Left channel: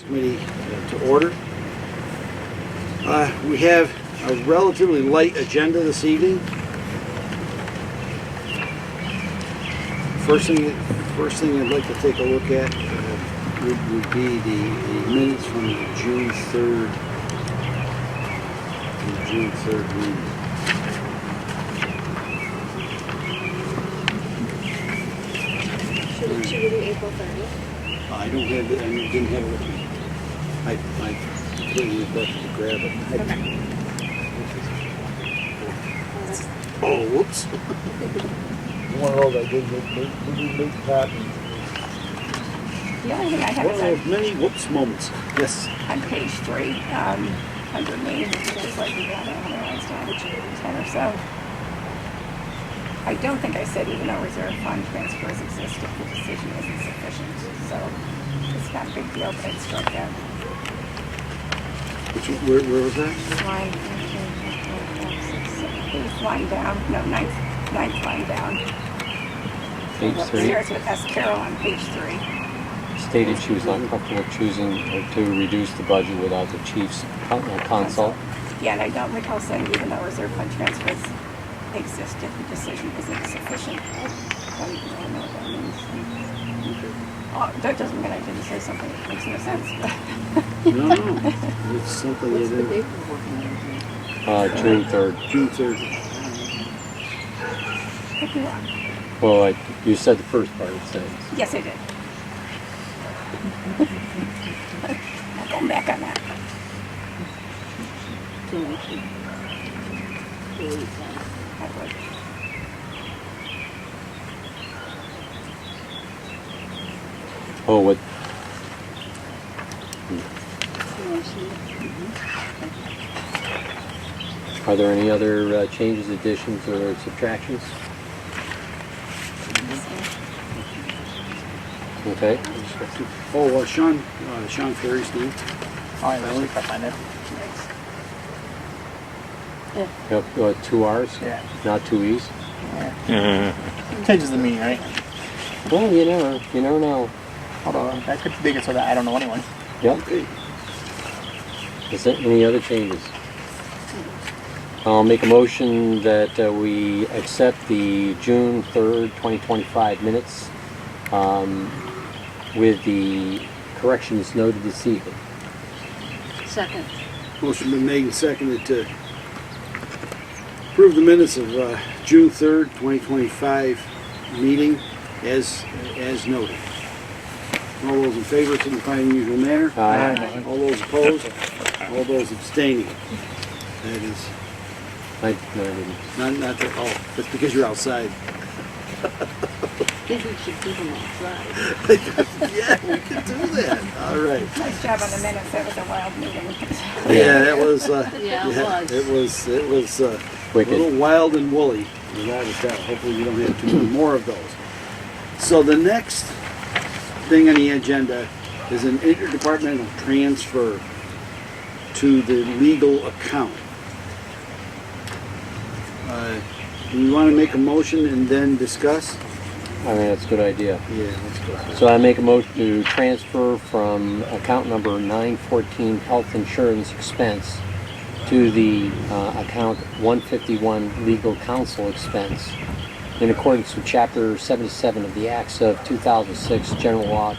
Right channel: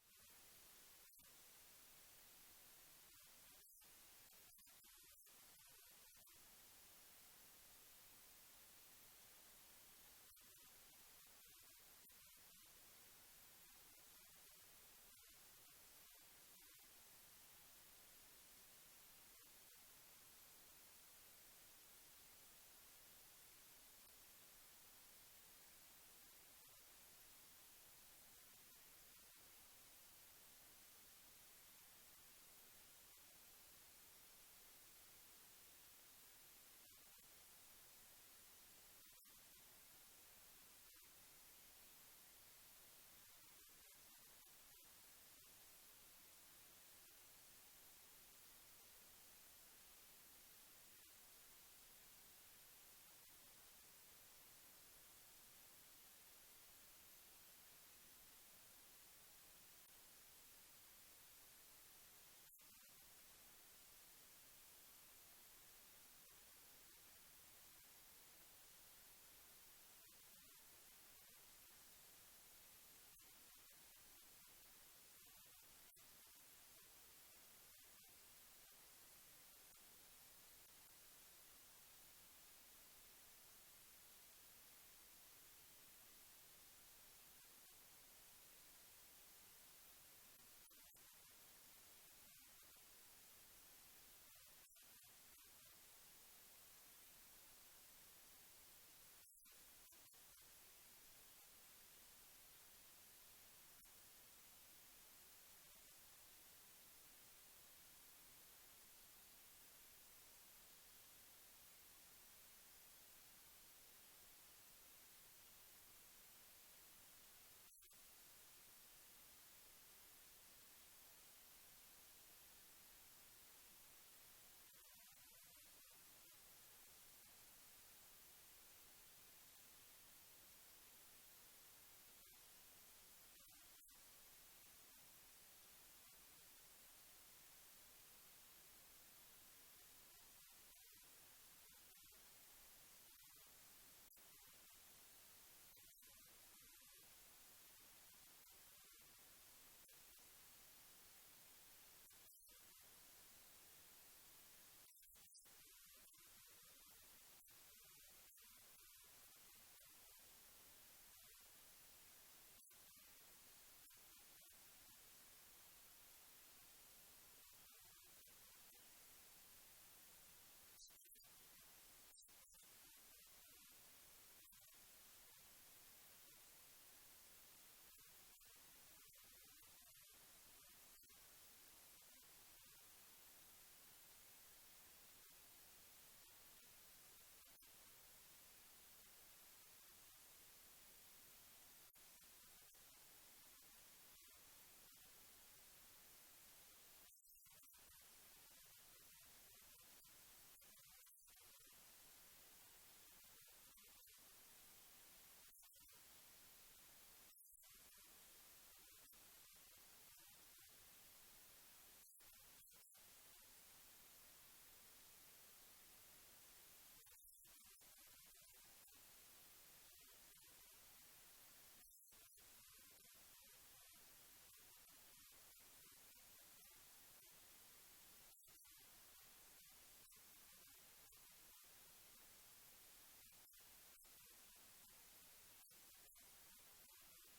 Committee to order. We have a relatively light agenda this evening. First thing I'd like to take a look at would be the minutes from the June 3rd meeting. Should we do April 30th? I don't have it. I didn't have it with me. I completely neglected to grab it. Okay. Oh, whoops. One of those I did make copies. The only thing I have One is of those many whoops moments. Yes. on page 3, under me, it's like we got 10 or so. I don't think I said even though reserve fund transfers exist, if the decision isn't sufficient. So it's not a big deal, but I'd strike that. Where was that? Line, eighth line down, no, ninth line down. Page 3 Starts with S. Carroll on page 3. stated she was not comfortable choosing to reduce the budget without the chief's consult. Yeah, and I don't recall saying even though reserve fund transfers exist, if the decision isn't sufficient. I don't even know what that means. Oh, that doesn't mean I didn't say something that makes no sense. No. It's something you didn't. June 3rd. June 3rd. Could be wrong. Well, you said the first part, it says. Yes, I did. I'll come back on that. I would. Oh, what? Are there any other changes, additions, or subtractions? Okay. Oh, Sean Ferry's name. All right, let's look up on it. Yep, 2 R's, Yeah. not 2 E's. Yeah. Changes the meaning, right? Well, you never know. Hold on, that could make it so that I don't know anyway. Yep. Okay. Is there any other changes? I'll make a motion that we accept the June 3rd, 2025 minutes with the corrections noted this evening. Second. Motion been made and seconded to approve the minutes of June 3rd, 2025 meeting as noted. All those in favor signify in the usual manner. Aye. All those opposed. All those abstaining. That is No, I didn't. not that. Oh, that's because you're outside. Maybe we should keep them outside. Yeah, we can do that. All right. Nice job on the minutes. That was a wild meeting. Yeah, that was. Yeah, it was. It was a Wicked. little wild and woolly, without a doubt. Hopefully, we don't have too many more of those. So the next thing on the agenda is an interdepartmental transfer to the legal account. Do we want to make a motion and then discuss? I mean, that's a good idea. Yeah, let's go. So I make a motion to transfer from account number 914 health insurance expense to the account 151 legal counsel expense in accordance with Chapter 77 of the Acts of 2006, General Law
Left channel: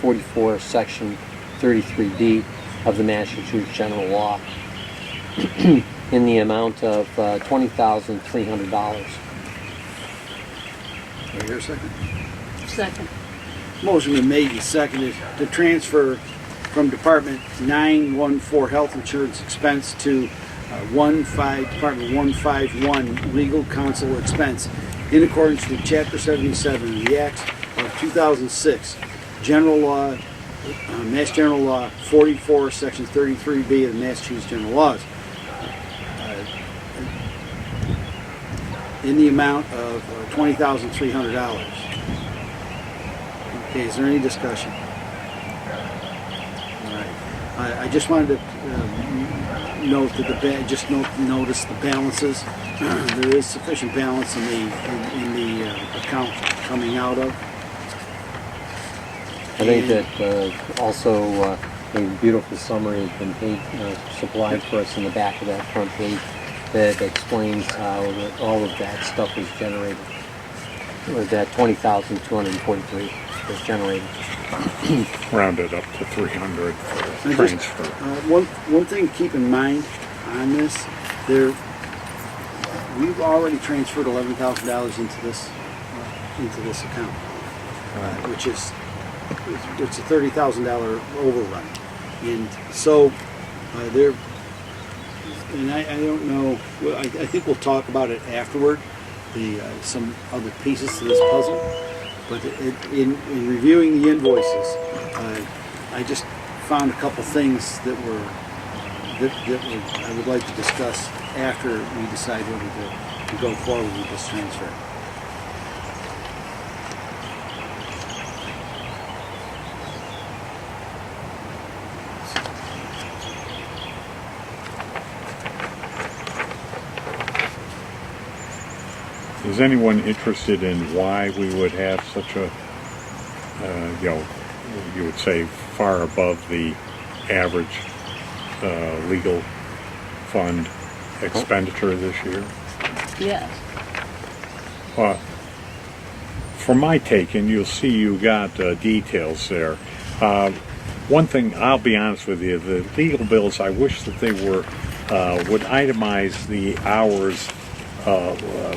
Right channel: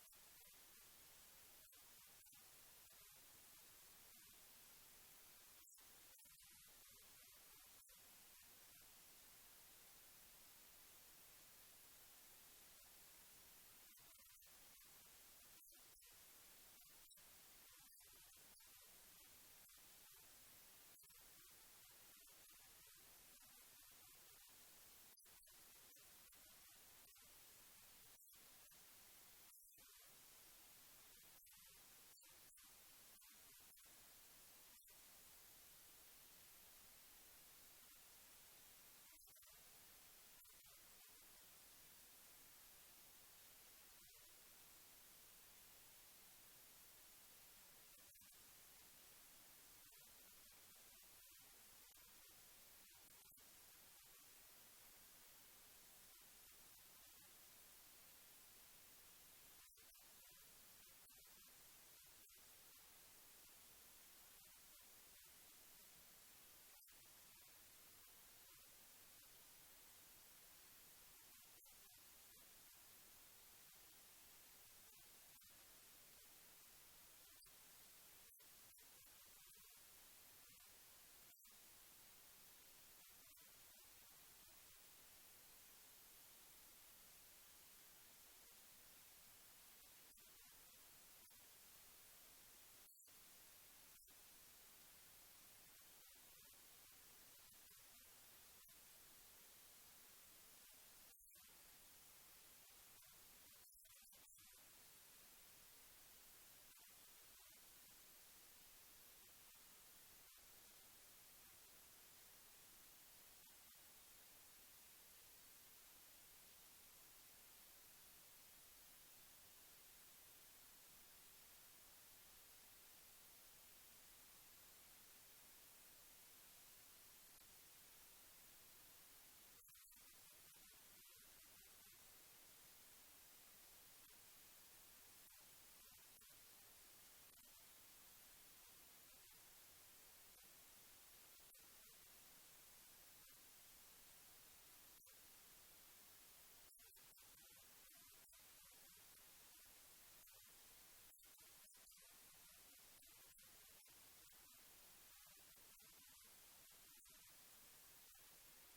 44, Section 33B of the Massachusetts General Law in the amount of $20,300. Do I hear a second? Second. Motion been made and seconded to transfer from Department 914 Health Insurance Expense to Department 151 Legal Counsel Expense in accordance with Chapter 77 of the Acts of 2006, General Law, Mass General Law 44, Section 33B of the Massachusetts General Laws, in the amount of $20,300. Okay, is there any discussion? All right. I just wanted to note that notice the balances. There is sufficient balance in the account coming out of. I think that also a beautiful summary has been supplied for us in the back of that front page that explains how all of that stuff is generated. Or that 20,243 is generated. Rounded up to 300 for And just, transfer. one thing to keep in mind on this, we've already transferred $11,000 into this account, which is it's a $30,000 overrun, and so and I don't know. Well, I think we'll talk about it afterward. Some other pieces to this puzzle, but in reviewing the invoices, I just found a couple things that I would like to discuss after we decide whether to go forward with this transfer. Is anyone interested in why we would have such a, you would say far above the average legal fund expenditure this year? Yes. For my take, and you'll see you got details there. One thing, I'll be honest with you, the legal bills, I wish that they were would itemize the hours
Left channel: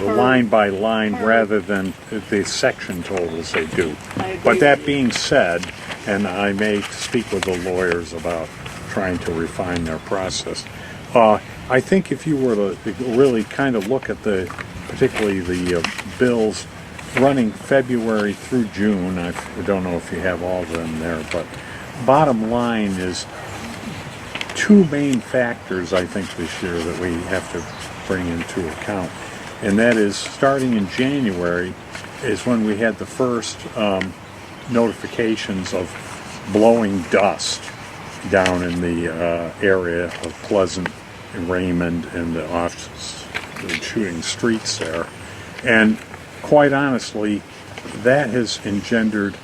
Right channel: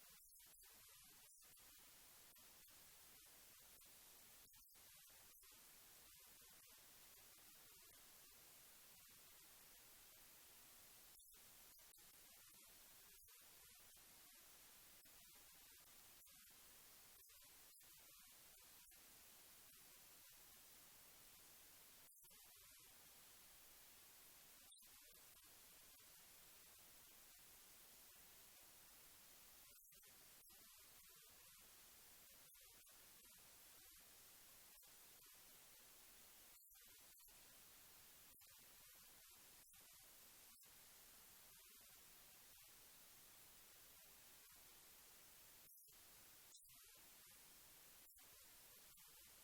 line by line rather than the section totals they do. I agree But that with you. being said, and I may speak with the lawyers about trying to refine their process, I think if you were to really kind of look at particularly the bills running February through June, I don't know if you have all of them there, but bottom line is two main factors, I think, this year that we have to bring into account. And that is, starting in January is when we had the first notifications of blowing dust down in the area of Pleasant and Raymond and the shooting streets there. And quite honestly, that has engendered,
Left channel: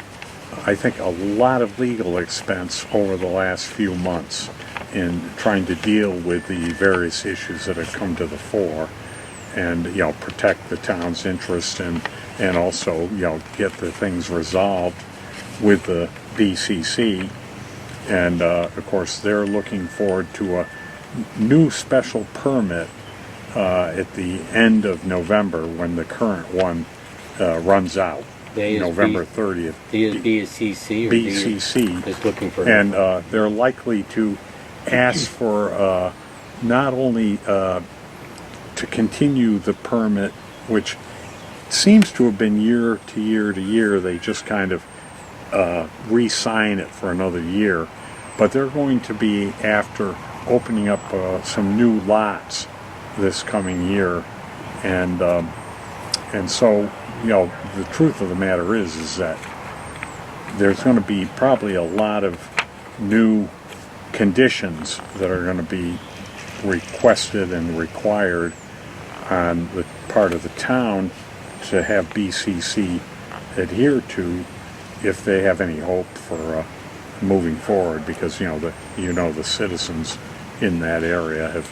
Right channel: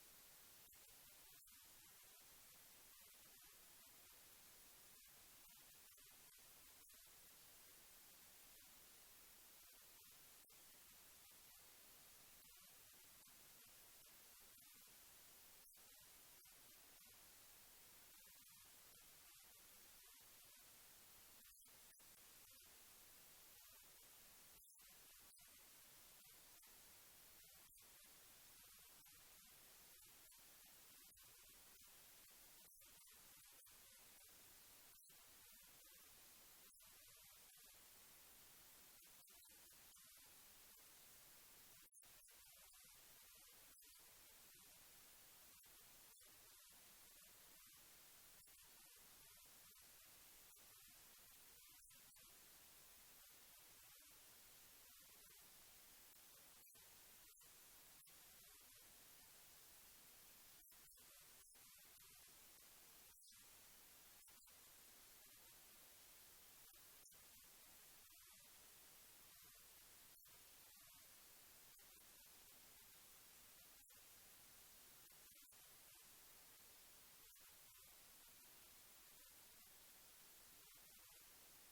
I think, a lot of legal expense over the last few months in trying to deal with the various issues that have come to the fore, and protect the town's interest and also get the things resolved with the BCC. And of course, they're looking forward to a new special permit at the end of November when the current one runs out. November 30th. BCC or BCC is looking for, and they're likely to ask for not only to continue the permit, which seems to have been year to year to year. They just kind of re-sign it for another year, but they're going to be after opening up some new lots this coming year, and so the truth of the matter is that there's going to be probably a lot of new conditions that are going to be requested and required on the part of the town to have BCC adhere to if they have any hope for moving forward, because the citizens in that area have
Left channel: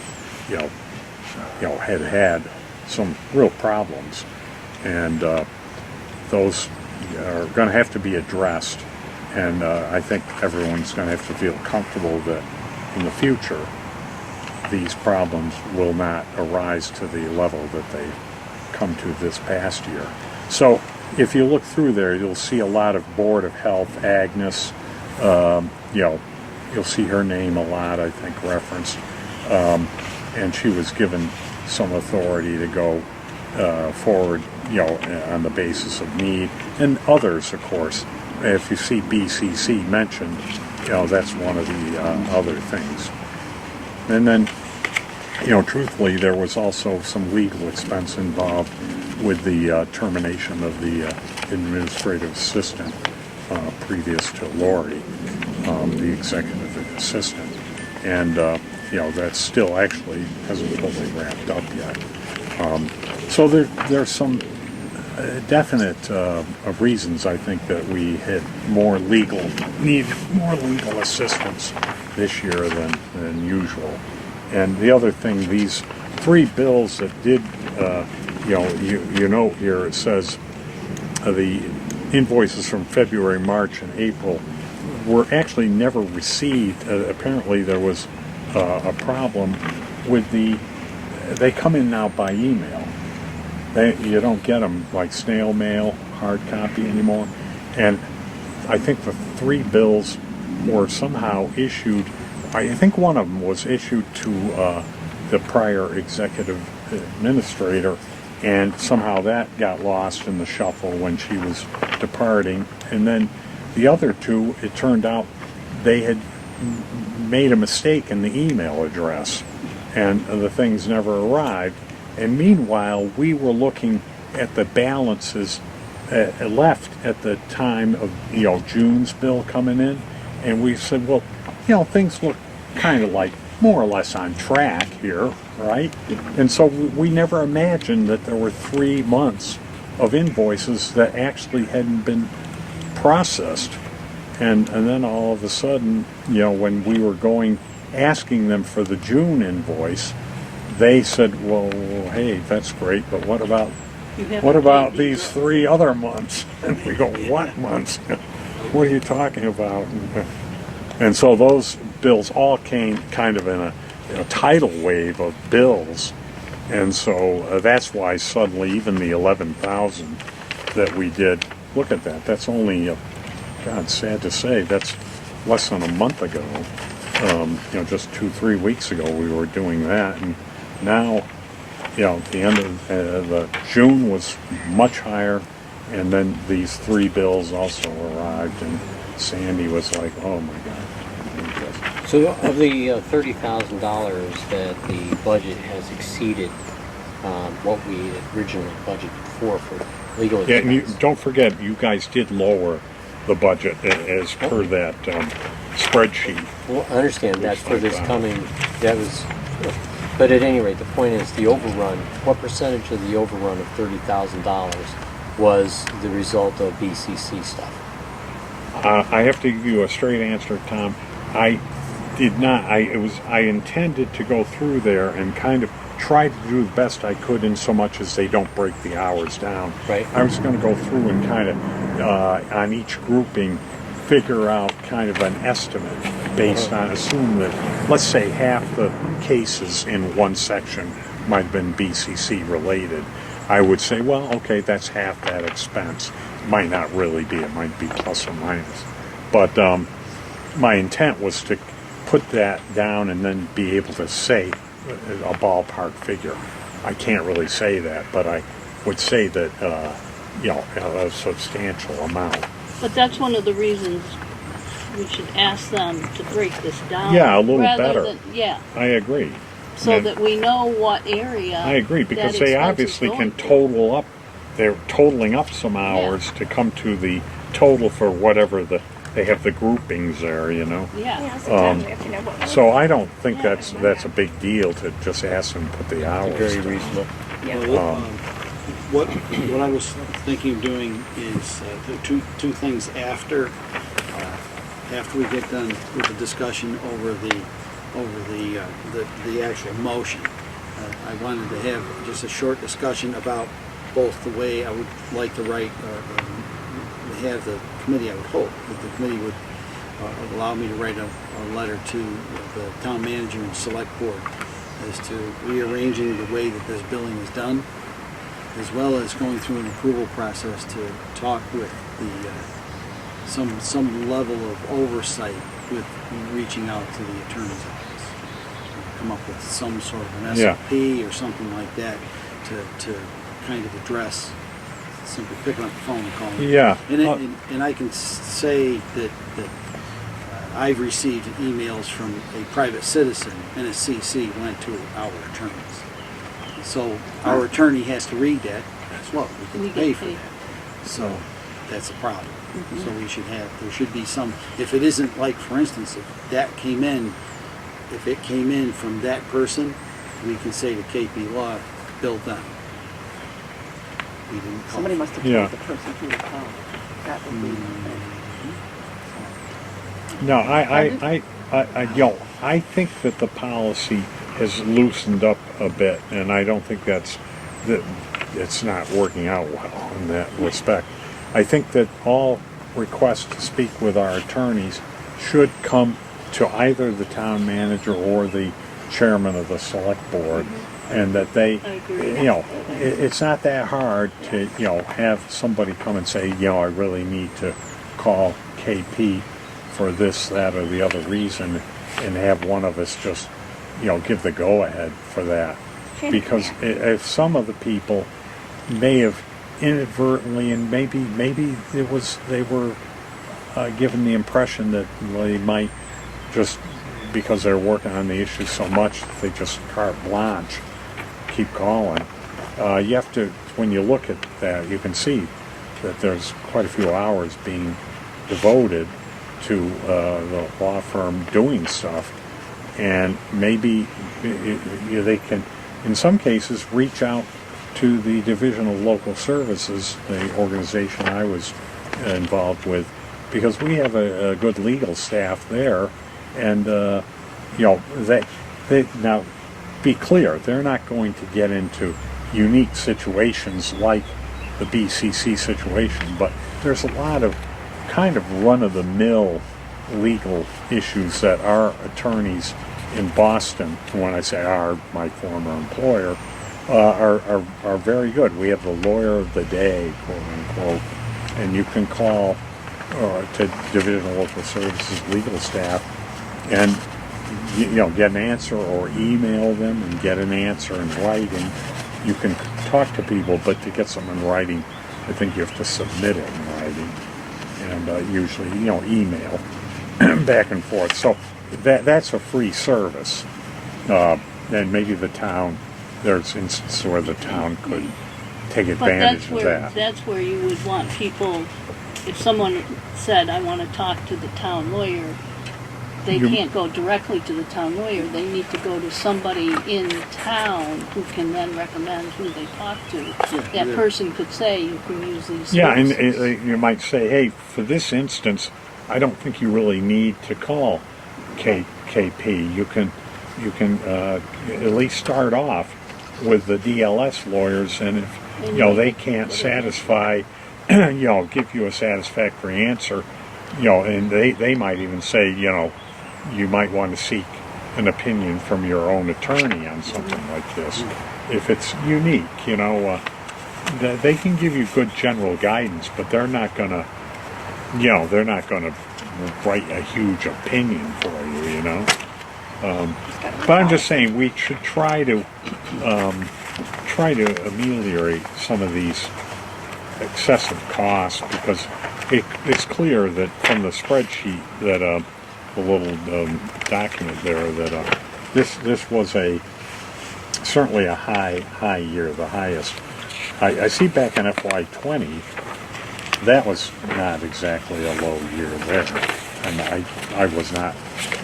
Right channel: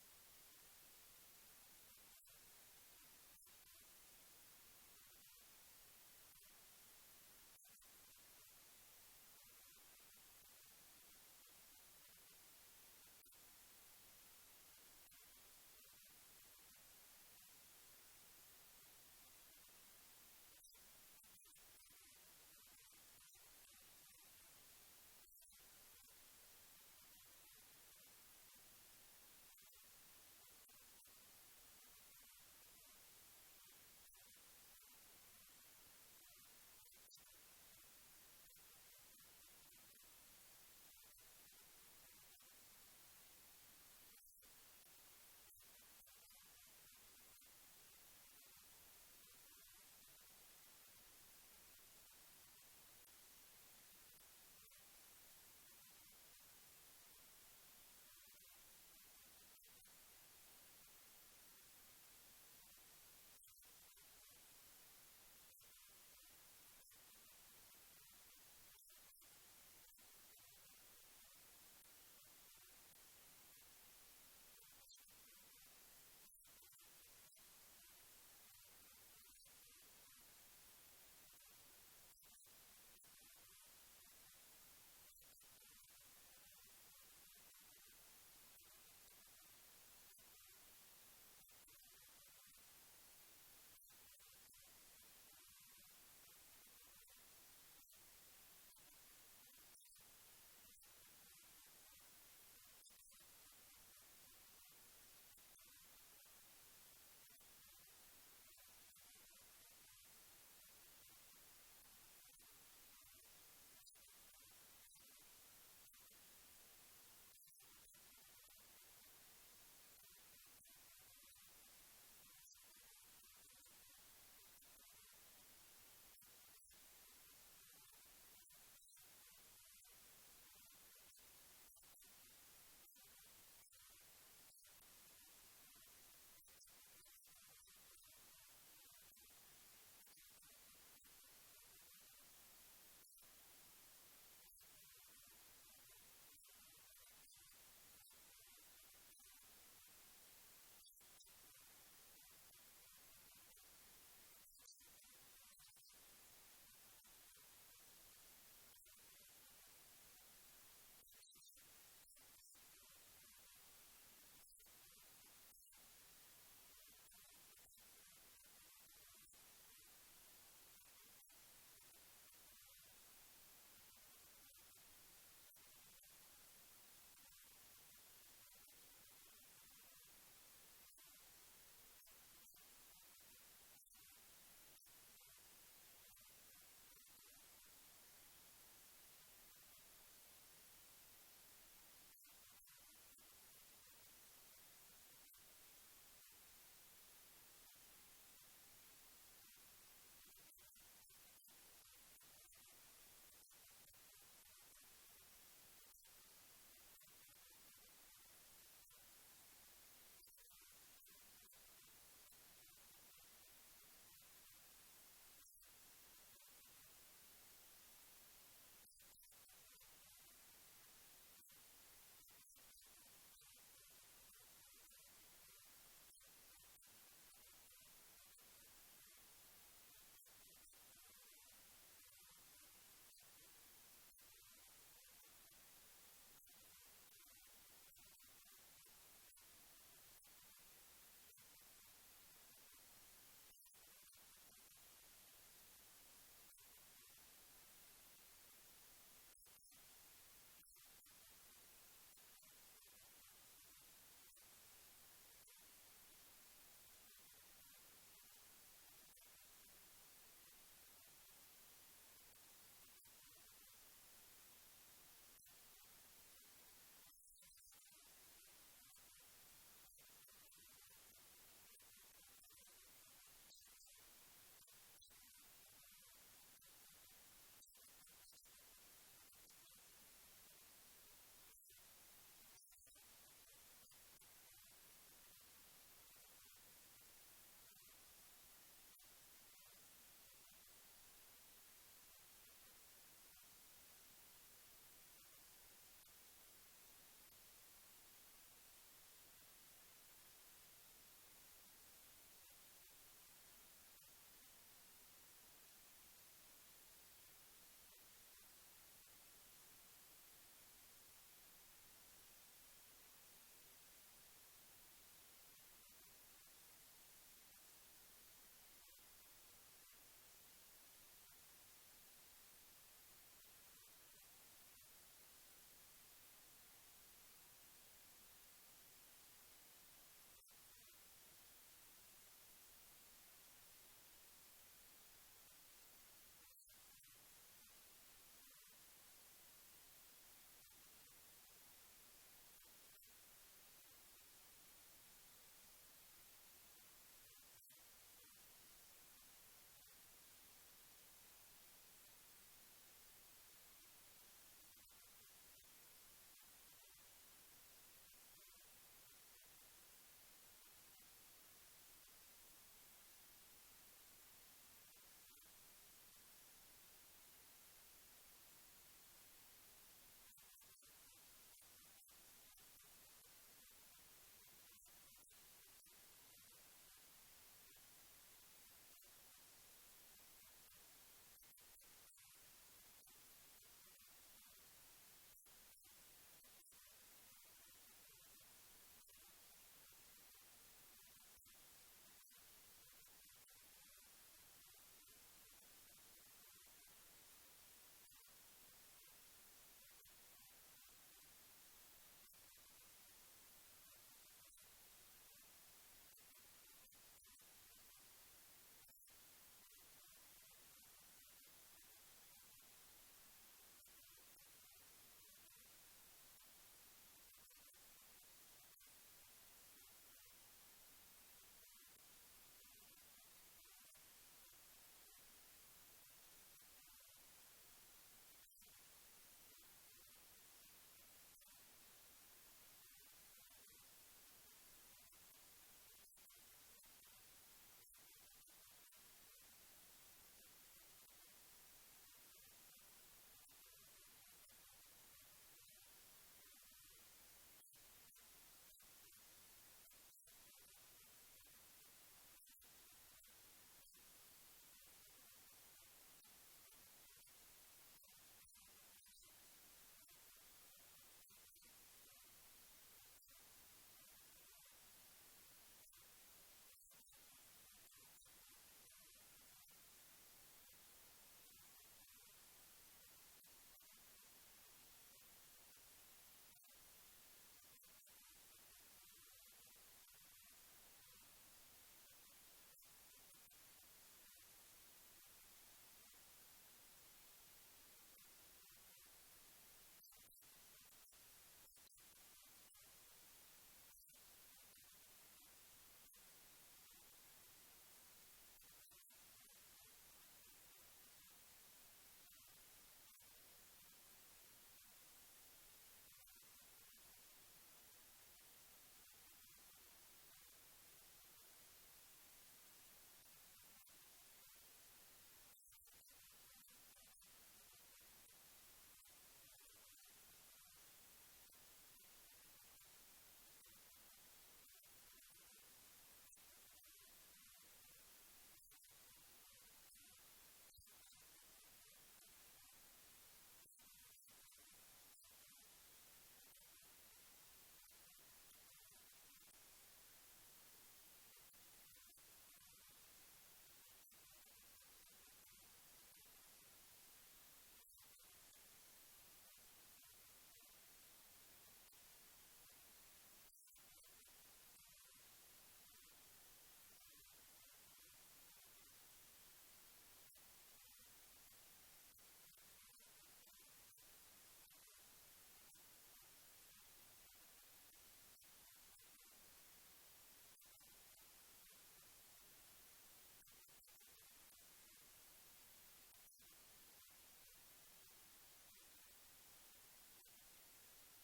had some real problems, and those are going to have to be addressed. And I think everyone's going to have to feel comfortable that in the future these problems will not arise to the level that they come to this past year. So if you look through there, you'll see a lot of Board of Health, Agnes, you'll see her name a lot, I think, referenced. And she was given some authority to go forward, on the basis of need. And others, of course. If you see BCC mentioned, that's one of the other things. And then, truthfully, there was also some legal expense involved with the termination of the administrative assistant previous to Lori, the executive assistant. And, that still actually hasn't totally wrapped up yet. So there's some definite reasons, I think, that we had need more legal assistance this year than usual. And the other thing, these 3 bills that did, you note here, it says the invoices from February, March, and April were actually never received. Apparently there was a problem with they come in now by email. You don't get them like snail mail, hard copy anymore. And I think the 3 bills were somehow issued, I think one of them was issued to the prior executive administrator, and somehow that got lost in the shuffle when she was departing. And then the other 2, it turned out they had made a mistake in the email address, and the things never arrived. And meanwhile, we were looking at the balances left at the time of June's bill coming in, and we said, well, things look kind of like more or less on track here, right? And so we never imagined that there were 3 months of invoices that actually hadn't been processed. And then all of a sudden, when we were asking them for the June invoice, they said, well, hey, that's great, but what about these 3 other months? And we go, what months? What are you talking about? And so those bills all came kind of in a tidal wave of bills. And so that's why suddenly even the 11,000 that we did, look at that, that's only, God, sad to say, that's less than a month ago. Just 2-3 weeks ago we were doing that. And now, the end of the June was much higher, and then these 3 bills also arrived, and Sandy was like, oh my God. So of the $30,000 that the budget has exceeded what we originally budgeted for legal Yeah, and expense. don't forget, you guys did lower the budget as per that spreadsheet. Well, I understand that for this coming, but at any rate, the point is the overrun, what percentage of the overrun of $30,000 was the result of BCC stuff? I have to give you a straight answer, Tom. I did not. I intended to go through there and kind of try to do the best I could in so much as they don't break the hours down. Right. I was going to go through and kind of, on each grouping, figure out kind of an estimate based on, assume that, let's say half the cases in one section might have been BCC related. I would say, well, okay, that's half that expense. It might not really be. It might be plus or minus. But my intent was to put that down and then be able to say a ballpark figure. I can't really say that, but I would say that, a substantial amount. But that's one of the reasons we should ask them to break this down. Yeah, a little rather better. Than, yeah, I agree. so And that we know what area. I agree, because that they expense is obviously going can to. total up, they're totaling up some hours to come to the total for whatever they have the groupings there, Yeah. Yeah, sometimes we have to know what. So I don't think that's a big deal to just ask them to put the hours. Very reasonable. Yeah. Well, what I was thinking of doing is the two things after we get done with the discussion over the actual motion. I wanted to have just a short discussion about both the way I would like to write, have the committee. I would hope that the committee would allow me to write a letter to the town manager and select board as to rearranging the way that this billing is done, as well as going through an approval process to talk with the some level of oversight with reaching out to the attorney's office. Come up with some sort of an SOP or something like that to kind of address simply picking up the phone and calling. Yeah. And I can say that I've received emails from a private citizen, and a CC went to our attorneys. So our attorney has to read that as well. We We can get pay for paid. that. So that's a problem. So there should be some, if it isn't like, for instance, if it came in from that person, we can say to KP Law, bill them. Somebody must have Yeah. told the person who would call. That would be. No, I think that the policy has loosened up a bit, and I don't think that it's not working out well in that respect. I think that all requests to speak with our attorneys should come to either the town manager or the chairman of the select board, and that they, I agree. it's not that hard to, have somebody come and say, I really need to call KP for this, that, or the other reason, and have one of us just, give the go-ahead for that. Because if some of the people may have inadvertently, and maybe they were given the impression that they might just, because they're working on the issue so much, they just carte blanche keep calling. You have to, when you look at that, you can see that there's quite a few hours being devoted to the law firm doing stuff, and maybe they can, in some cases, reach out to the Division of Local Services, the organization I was involved with, because we have a good legal staff there, and they now, be clear, they're not going to get into unique situations like the BCC situation, but there's a lot of kind of run-of-the-mill legal issues that our attorneys in Boston, when I say our, my former employer, are very good. We have the lawyer of the day, quote unquote, and you can call to Division of Local Services legal staff and get an answer, or email them and get an answer in writing. You can talk to people, but to get something in writing, I think you have to submit it in writing, and usually email back and forth. So that's a free service, and maybe the town, there's instances where the town could take advantage of that. That's where you would want people, if someone said, I want to talk to the town lawyer, they can't go directly to the town lawyer. They need to go to somebody in town who can then recommend who they talk to. That person could say, you can use these Yeah, and services. you might say, hey, for this instance, I don't think you really need to call KP. You can at least start off with the DLS lawyers, and if they can't satisfy, give you a satisfactory answer, and they might even say, you might want to seek an opinion from your own attorney on something like this. If it's unique, they can give you good general guidance, but they're not gonna, write a huge opinion for you, But I'm just saying we should try to ameliorate some of these excessive costs, because it's clear that from the spreadsheet that the little document there that this was certainly a high year, the highest. I see back in FY20 that was not exactly a low year there, and I was not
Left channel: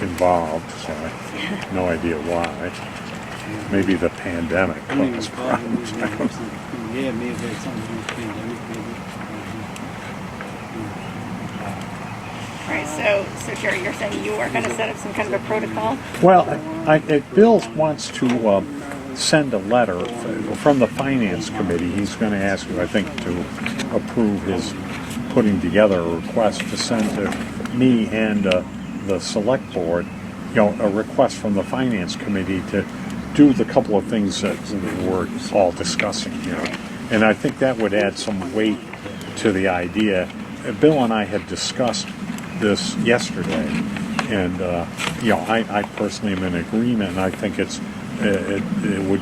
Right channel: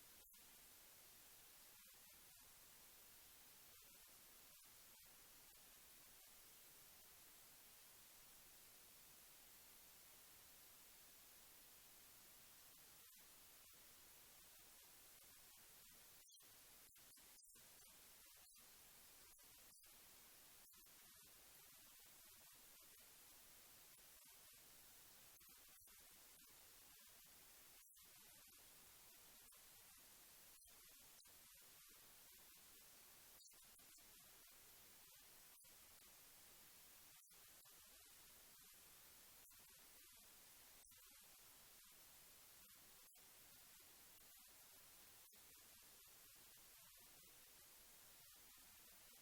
involved, so I have no idea why. Maybe the pandemic caused problems. Yeah, maybe it's something with the pandemic, maybe. All right, so Jerry, you're saying you are going to set up some kind of a protocol? Well, Bill wants to send a letter from the Finance Committee. He's going to ask you, I think, to approve his putting together a request to send to me and the Select Board, a request from the Finance Committee to do the couple of things that we're all discussing here. And I think that would add some weight to the idea. Bill and I had discussed this yesterday, and I personally am in agreement, and I think it would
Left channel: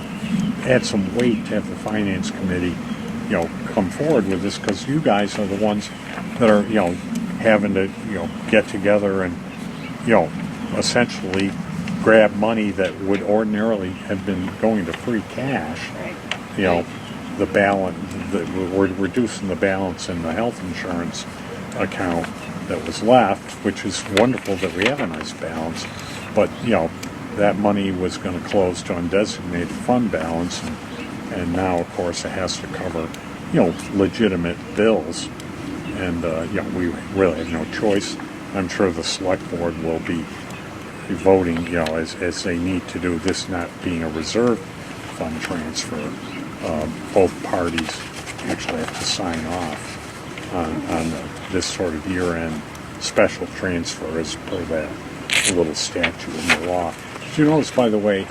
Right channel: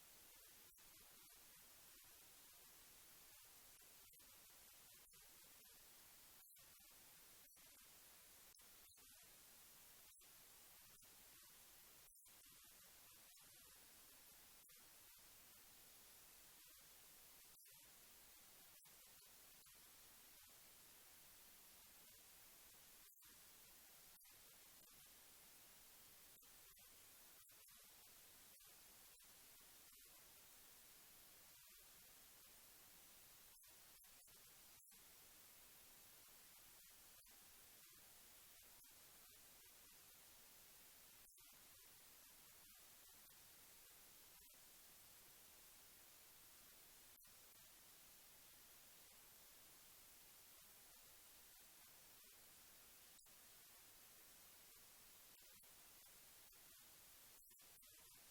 add some weight to have the Finance Committee come forward with this, because you guys are the ones that are having to get together and essentially grab money that would ordinarily have been going to free cash. Right. The balance, we're reducing the balance in the health insurance account that was left, which is wonderful that we have a nice balance, but that money was going to close to undesignated fund balance, and now of course it has to cover legitimate bills. And, we really have no choice. I'm sure the select board will be voting, as they need to do, this not being a reserve fund transfer. Both parties actually have to sign off on this sort of year-end special transfer as per that little statute in the law. Did you notice, by the way,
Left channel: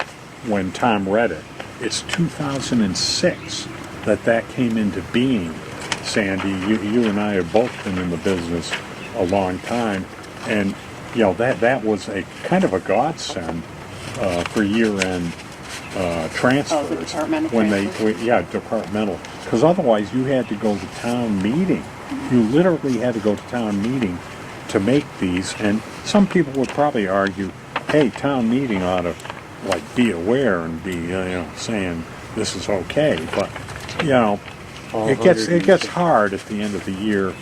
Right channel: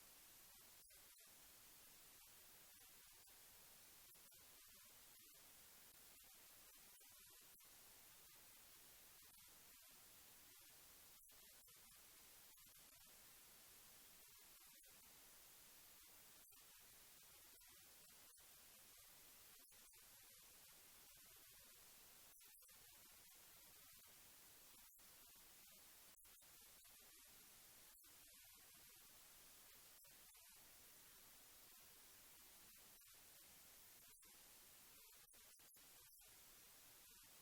when Tom read it, it's 2006 that came into being. Sandy, you and I have both been in the business a long time, and that was a kind of a godsend for year-end transfers. Oh, the departmental when transfers? departmental, because otherwise you had to go to town meeting. You literally had to go to town meeting to make these, and some people would probably argue, hey, town meeting ought to be aware and be saying this is okay, but it gets hard at the end of the year.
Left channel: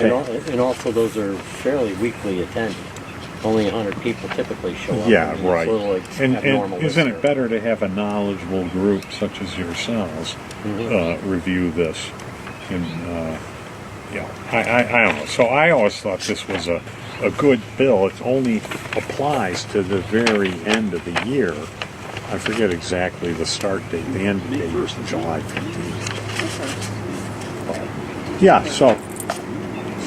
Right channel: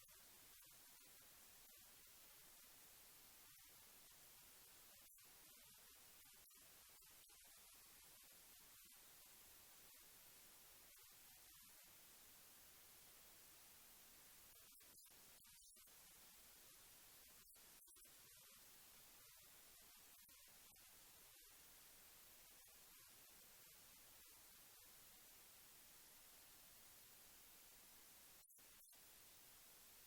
And also those are fairly weekly attended. Only 100 people typically show up. Yeah, I mean, right. It's a little like And abnormal isn't this it better to have a knowledgeable group such as yourselves review this? And I don't know. So I always thought this was a good bill. It only applies to the very end of the year. I forget exactly the start date. The end date is July 15th. Yeah, so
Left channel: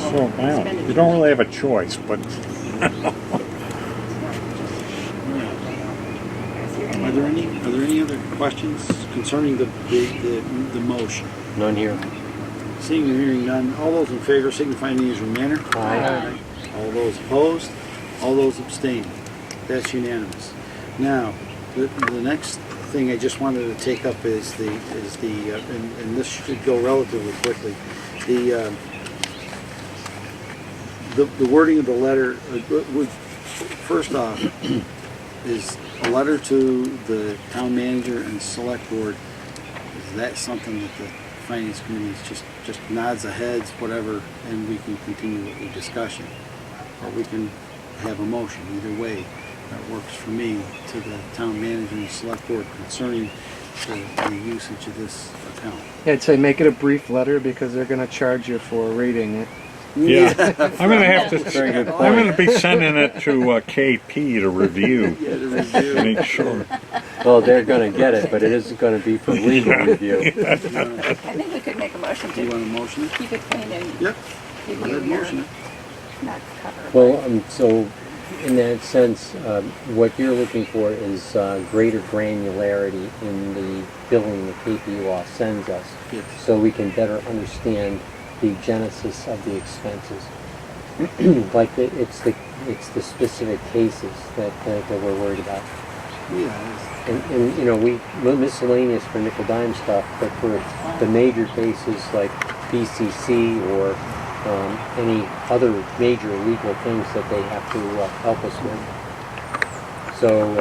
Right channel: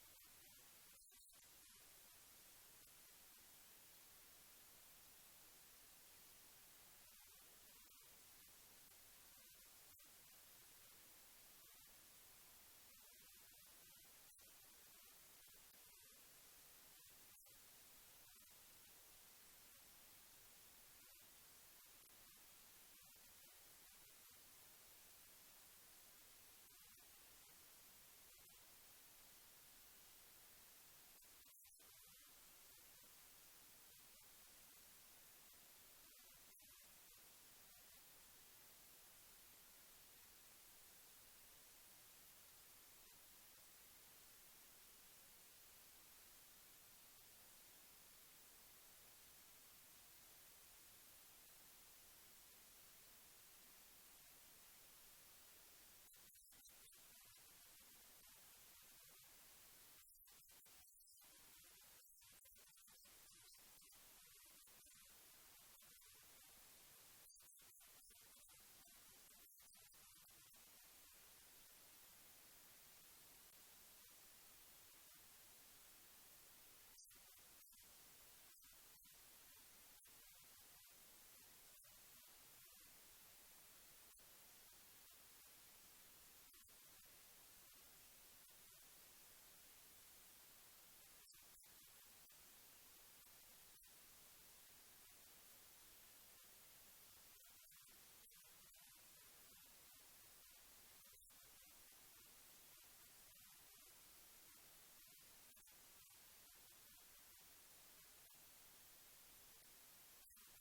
I don't know. You don't really have a choice, but Are there any other questions concerning the motion? None here. Seeing and hearing none, all those in favor signify in the usual manner. Aye. All those opposed, all those abstained. That's unanimous. Now, the next thing I just wanted to take up is and this should go relatively quickly. The wording of the letter would first off is a letter to the town manager and select board. Is that something that the finance committee just nods the heads, whatever, and we can continue with the discussion, or we can have a motion. Either way, that works for me, to the town manager and select board concerning the usage of this account. Yeah, I'd say make it a brief letter because they're going to charge you for reading it. yeah, I'm gonna have to. Very good I'm point. gonna be sending it to KP to review. Yeah, the review. Make sure. Well, they're going to get it, but it isn't going to be for legal review. I think we could make a motion Do you to want a motion? keep it clean and Yep. give Go you ahead, your, motion it. not cover. Well, so in that sense, what you're looking for is greater granularity in the billing the KP law sends us, Yes. so we can better understand the genesis of the expenses. It's the specific cases that we're worried about. Yeah. And we miscellaneous for nickel dime stuff, but for the major cases like BCC or any other major legal things that they have to help us with. So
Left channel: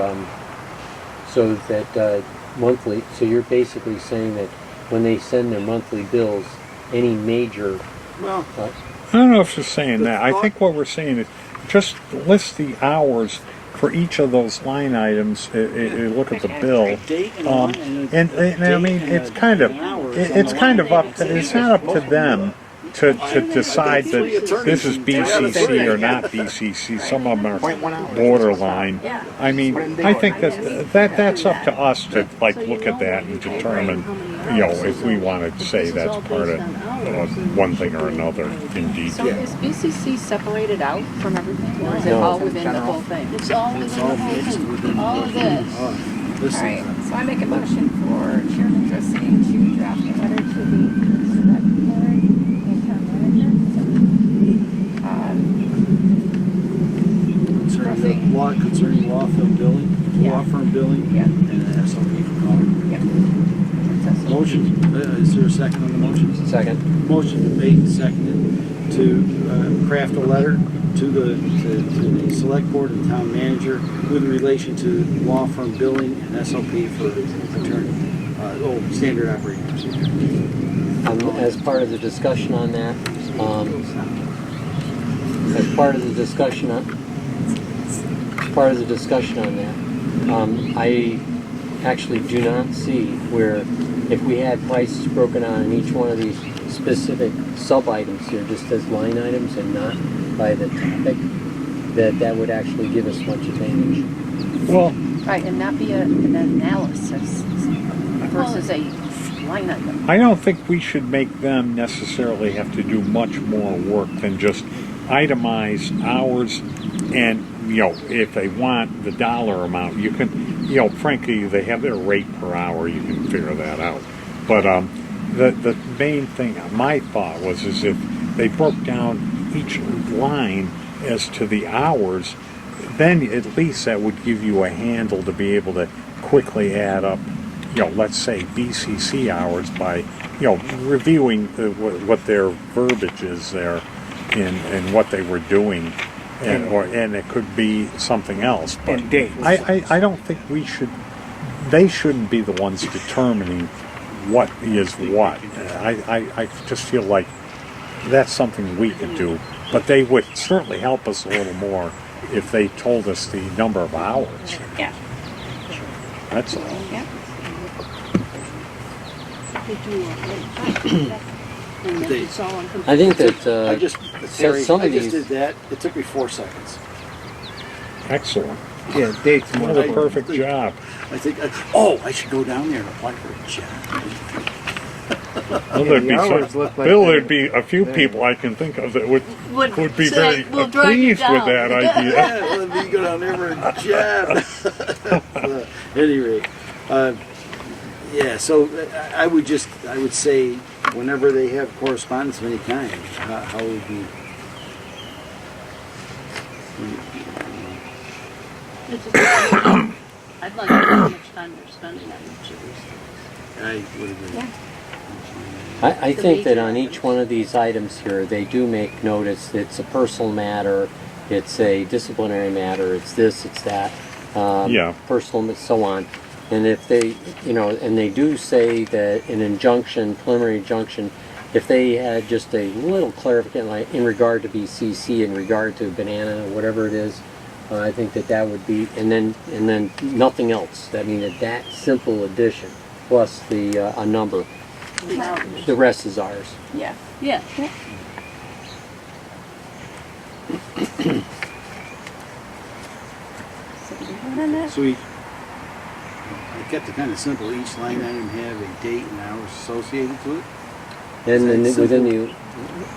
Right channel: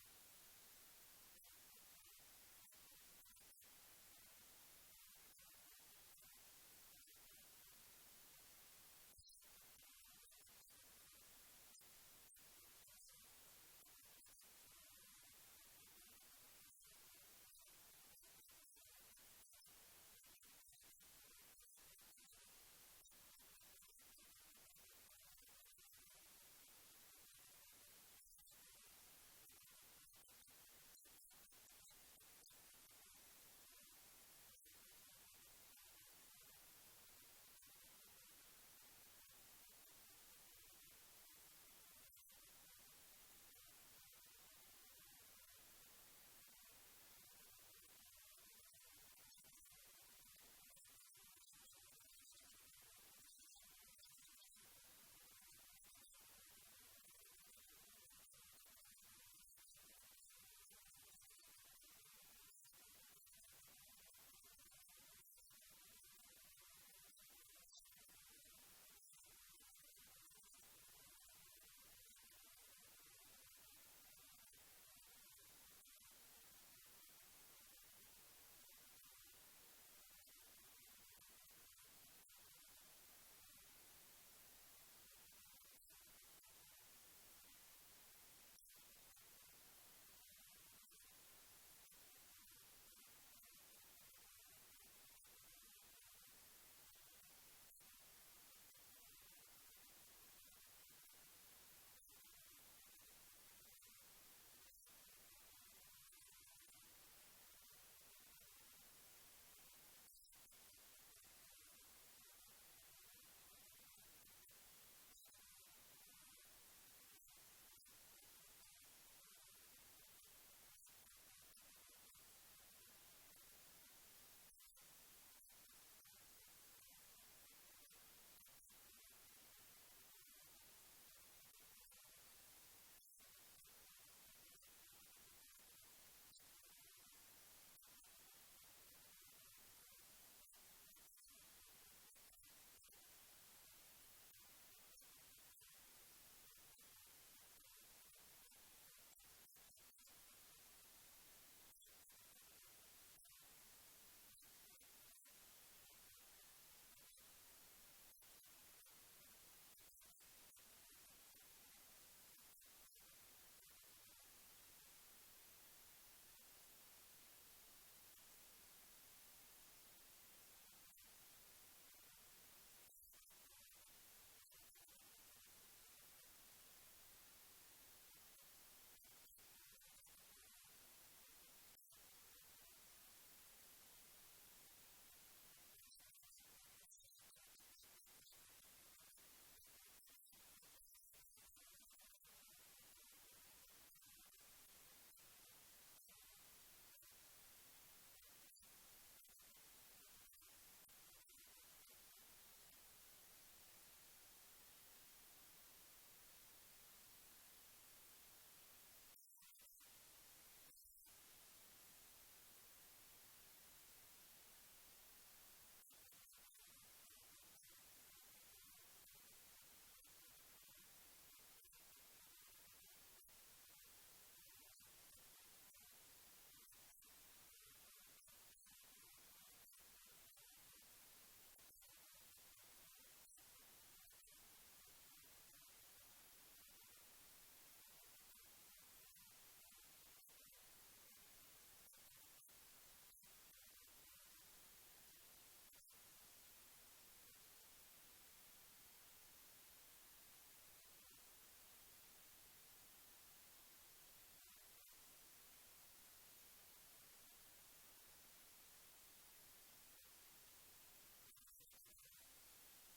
that monthly. So you're basically saying that when they send their monthly bills, any major Well, I don't know if you're saying that. I think what we're saying is just list the hours for each of those line items. Look at the bill. date and And I mean, it's kind of up to, it's not up to them to decide that this is BCC or not BCC. Some of them are borderline. I mean, I think that's up to us to look at that and determine, if we want to say that's part of one thing or another in So detail. is BCC separated out from everything, or is it No. all within the whole thing? It's all within the whole thing, all of this. Listen, Alright, so I make a motion for Chairman Dressing to draft a letter to the select board and town manager. concerning law firm billing, Yeah. law firm billing, Yeah. and an SOP for calling. Yep. Motion, is there a second on the motion? second. Motion been made and seconded to craft a letter to the select board and town manager with relation to law firm billing and SOP for attorney, standard operating procedure. As part of the discussion on that, I actually do not see where if we had prices broken out in each one of these specific sub-items here, just as line items and not by the topic, that would actually give us much advantage. Well, Right, and not be an analysis versus a line item. I don't think we should make them necessarily have to do much more work than just itemize hours, and if they want the dollar amount, you can, frankly, they have their rate per hour, you can figure that out. But the main thing, my thought was, is if they broke down each line as to the hours, then at least that would give you a handle to be able to quickly add up, let's say BCC hours by, reviewing what their verbiage is there and what they were doing, and it could be something else. But And dates. I don't think they shouldn't be the ones determining what is what. I just feel like that's something we could do, but they would certainly help us a little more if they told us the number of hours. Yeah. That's all. Yeah. They do a rate. And then it's all on I think that I just, Terry, some I of just these, did that. It took me 4 seconds. Excellent. Yeah, dates more What a important. perfect job. I think, I should go down there and apply for a job. Well, Yeah, there'd the be hours look like Bill, they're- there'd be a few people I can think of that would be say, very "We'll drive you pleased with down." that idea. Yeah, well, if you go down there for a job. At any rate, yeah, so I would say whenever they have correspondence of any kind, how would you... It's just, I'd like to know how much time they're spending on each of these things. I would agree. Yeah. I think that on each one of these items here, they do make notice it's a personal matter, it's a disciplinary matter, it's this, it's that, Yeah. personal, and so on. And if they, and they do say that an injunction, preliminary injunction, if they had just a little clarification, like in regard to BCC, in regard to banana, whatever it is, I think that would be, and then nothing else. I mean, that simple addition plus a number. The rest is ours. Yeah. Yeah. So do we vote on that? So we kept it kind of simple. Each line item have a date and hours associated to it. And then Is that within simple?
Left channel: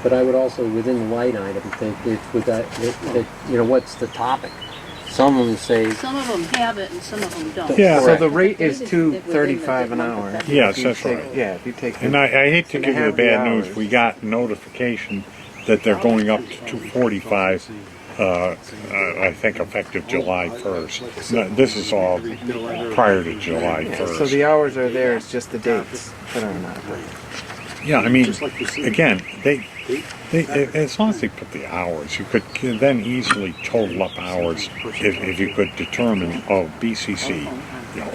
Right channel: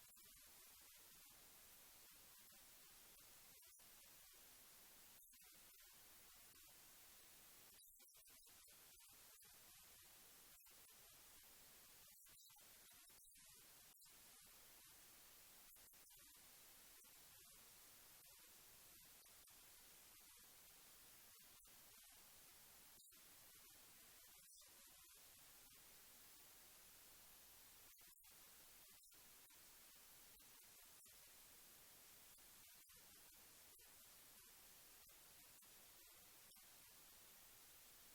but I would also, within the line item, think with that, what's the topic? Some of them say, Some of them have it and some of them don't. Yeah. So Correct. the rate is Within the $2.35 an hour. Yes, If you that's take- right. Yeah, if you take. And I hate to And give you the have the bad news. hours. We got notification that they're going up to 245. I think effective July 1st. No, this is all prior to July 1st. So the hours are there. It's just the dates that are not. Yeah, I mean, Just like you see. again, they as long as they put the hours, you could then easily total up hours if you could determine, oh, BCC,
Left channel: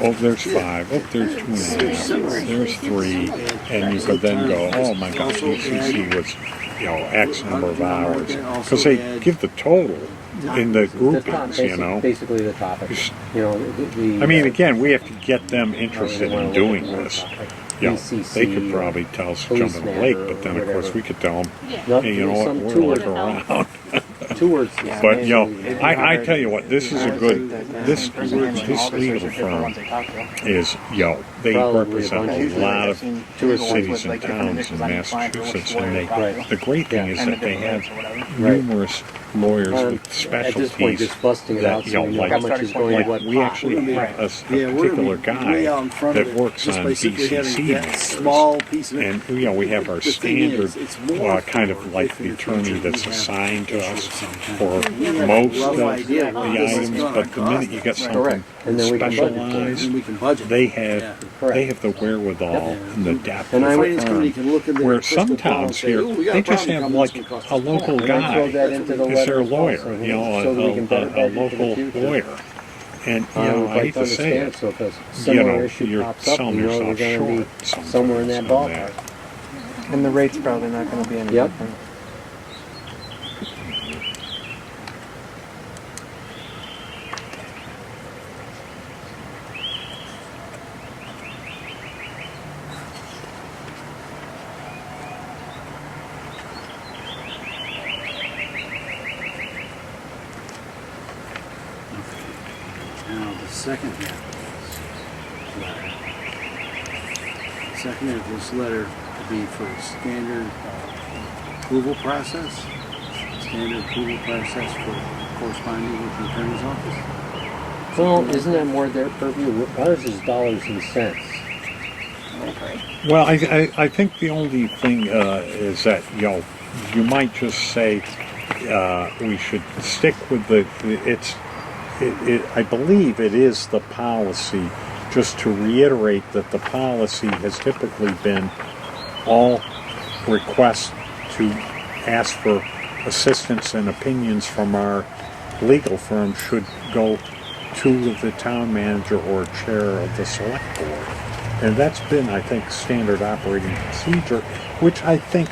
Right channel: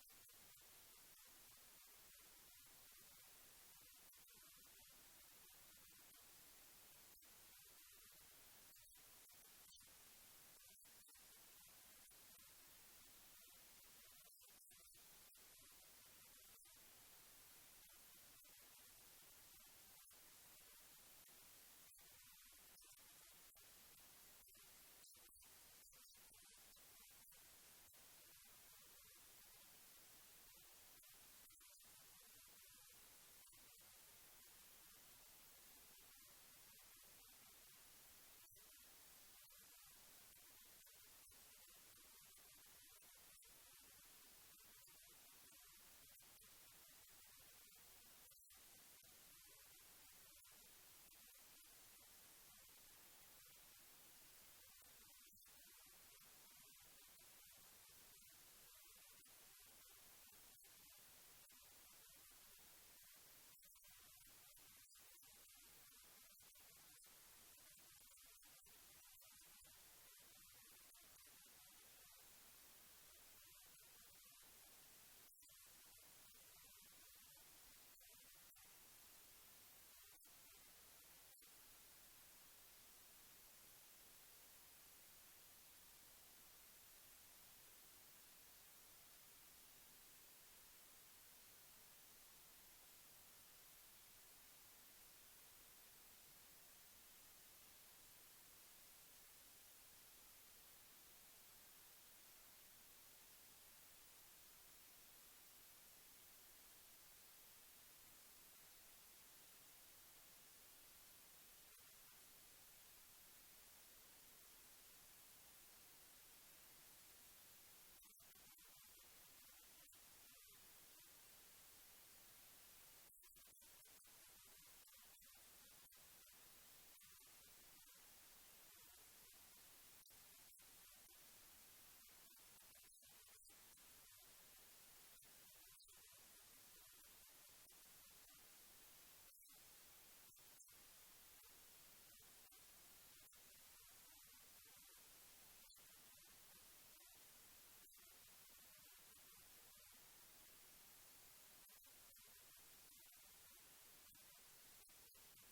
oh, there's 5, oh, there's 2.5, there's 3, and you could then go, oh my gosh, BCC was, X number of hours, because they give the total in the groupings, basically the topic. I mean, again, we have to get them interested in doing this. They could probably tell us to jump in the lake, but then of course we could tell them, Yeah. hey, you know what, we're looking around. 2 words. But I tell you what, this is a good. This legal firm is they represent a lot of cities and towns in Massachusetts, and the great thing is that they have numerous lawyers with At this specialties point, just busting it out that so we know how much is going to what we pot. actually have a Yeah, we're particular gonna be way out in guy front of that it, works just on by simply having BCC that matters. small piece of it. And we have our The thing standard, is, it's more kind of for like if the in the attorney future that's we have assigned to us issues of some kind. for We have a most rough of idea the what this is items, gonna but the minute cost. you get Right. something And then we can budget for it. specialized, And we can budget. they Yeah. have the wherewithal and the depth. And The I would- finance committee can look in their Where crystal some ball and towns say, here, "Ooh, we got they a just problem have coming, like it's gonna cost a us local And I throw guy that into the is their letter lawyer, also, a so we can better budget for the local future. lawyer. And I I would hate like to to say understand, it, so if a similar issue you're pops up, selling we know we're yourself going to short be somewhere in that sometimes on ballpark. And the rate's probably not going to be any Yep. different. second half of this letter. Second half of this letter to be for standard approval process. Standard approval process for corresponding with the attorney's office. Well, isn't that more their purview? Ours is dollars and cents. I would agree. Well, I think the only thing is that, you might just say we should stick with I believe it is the policy, just to reiterate that the policy has typically been all requests to ask for assistance and opinions from our legal firm should go to the town manager or chair of the select board. And that's been, I think, standard operating procedure, which I think,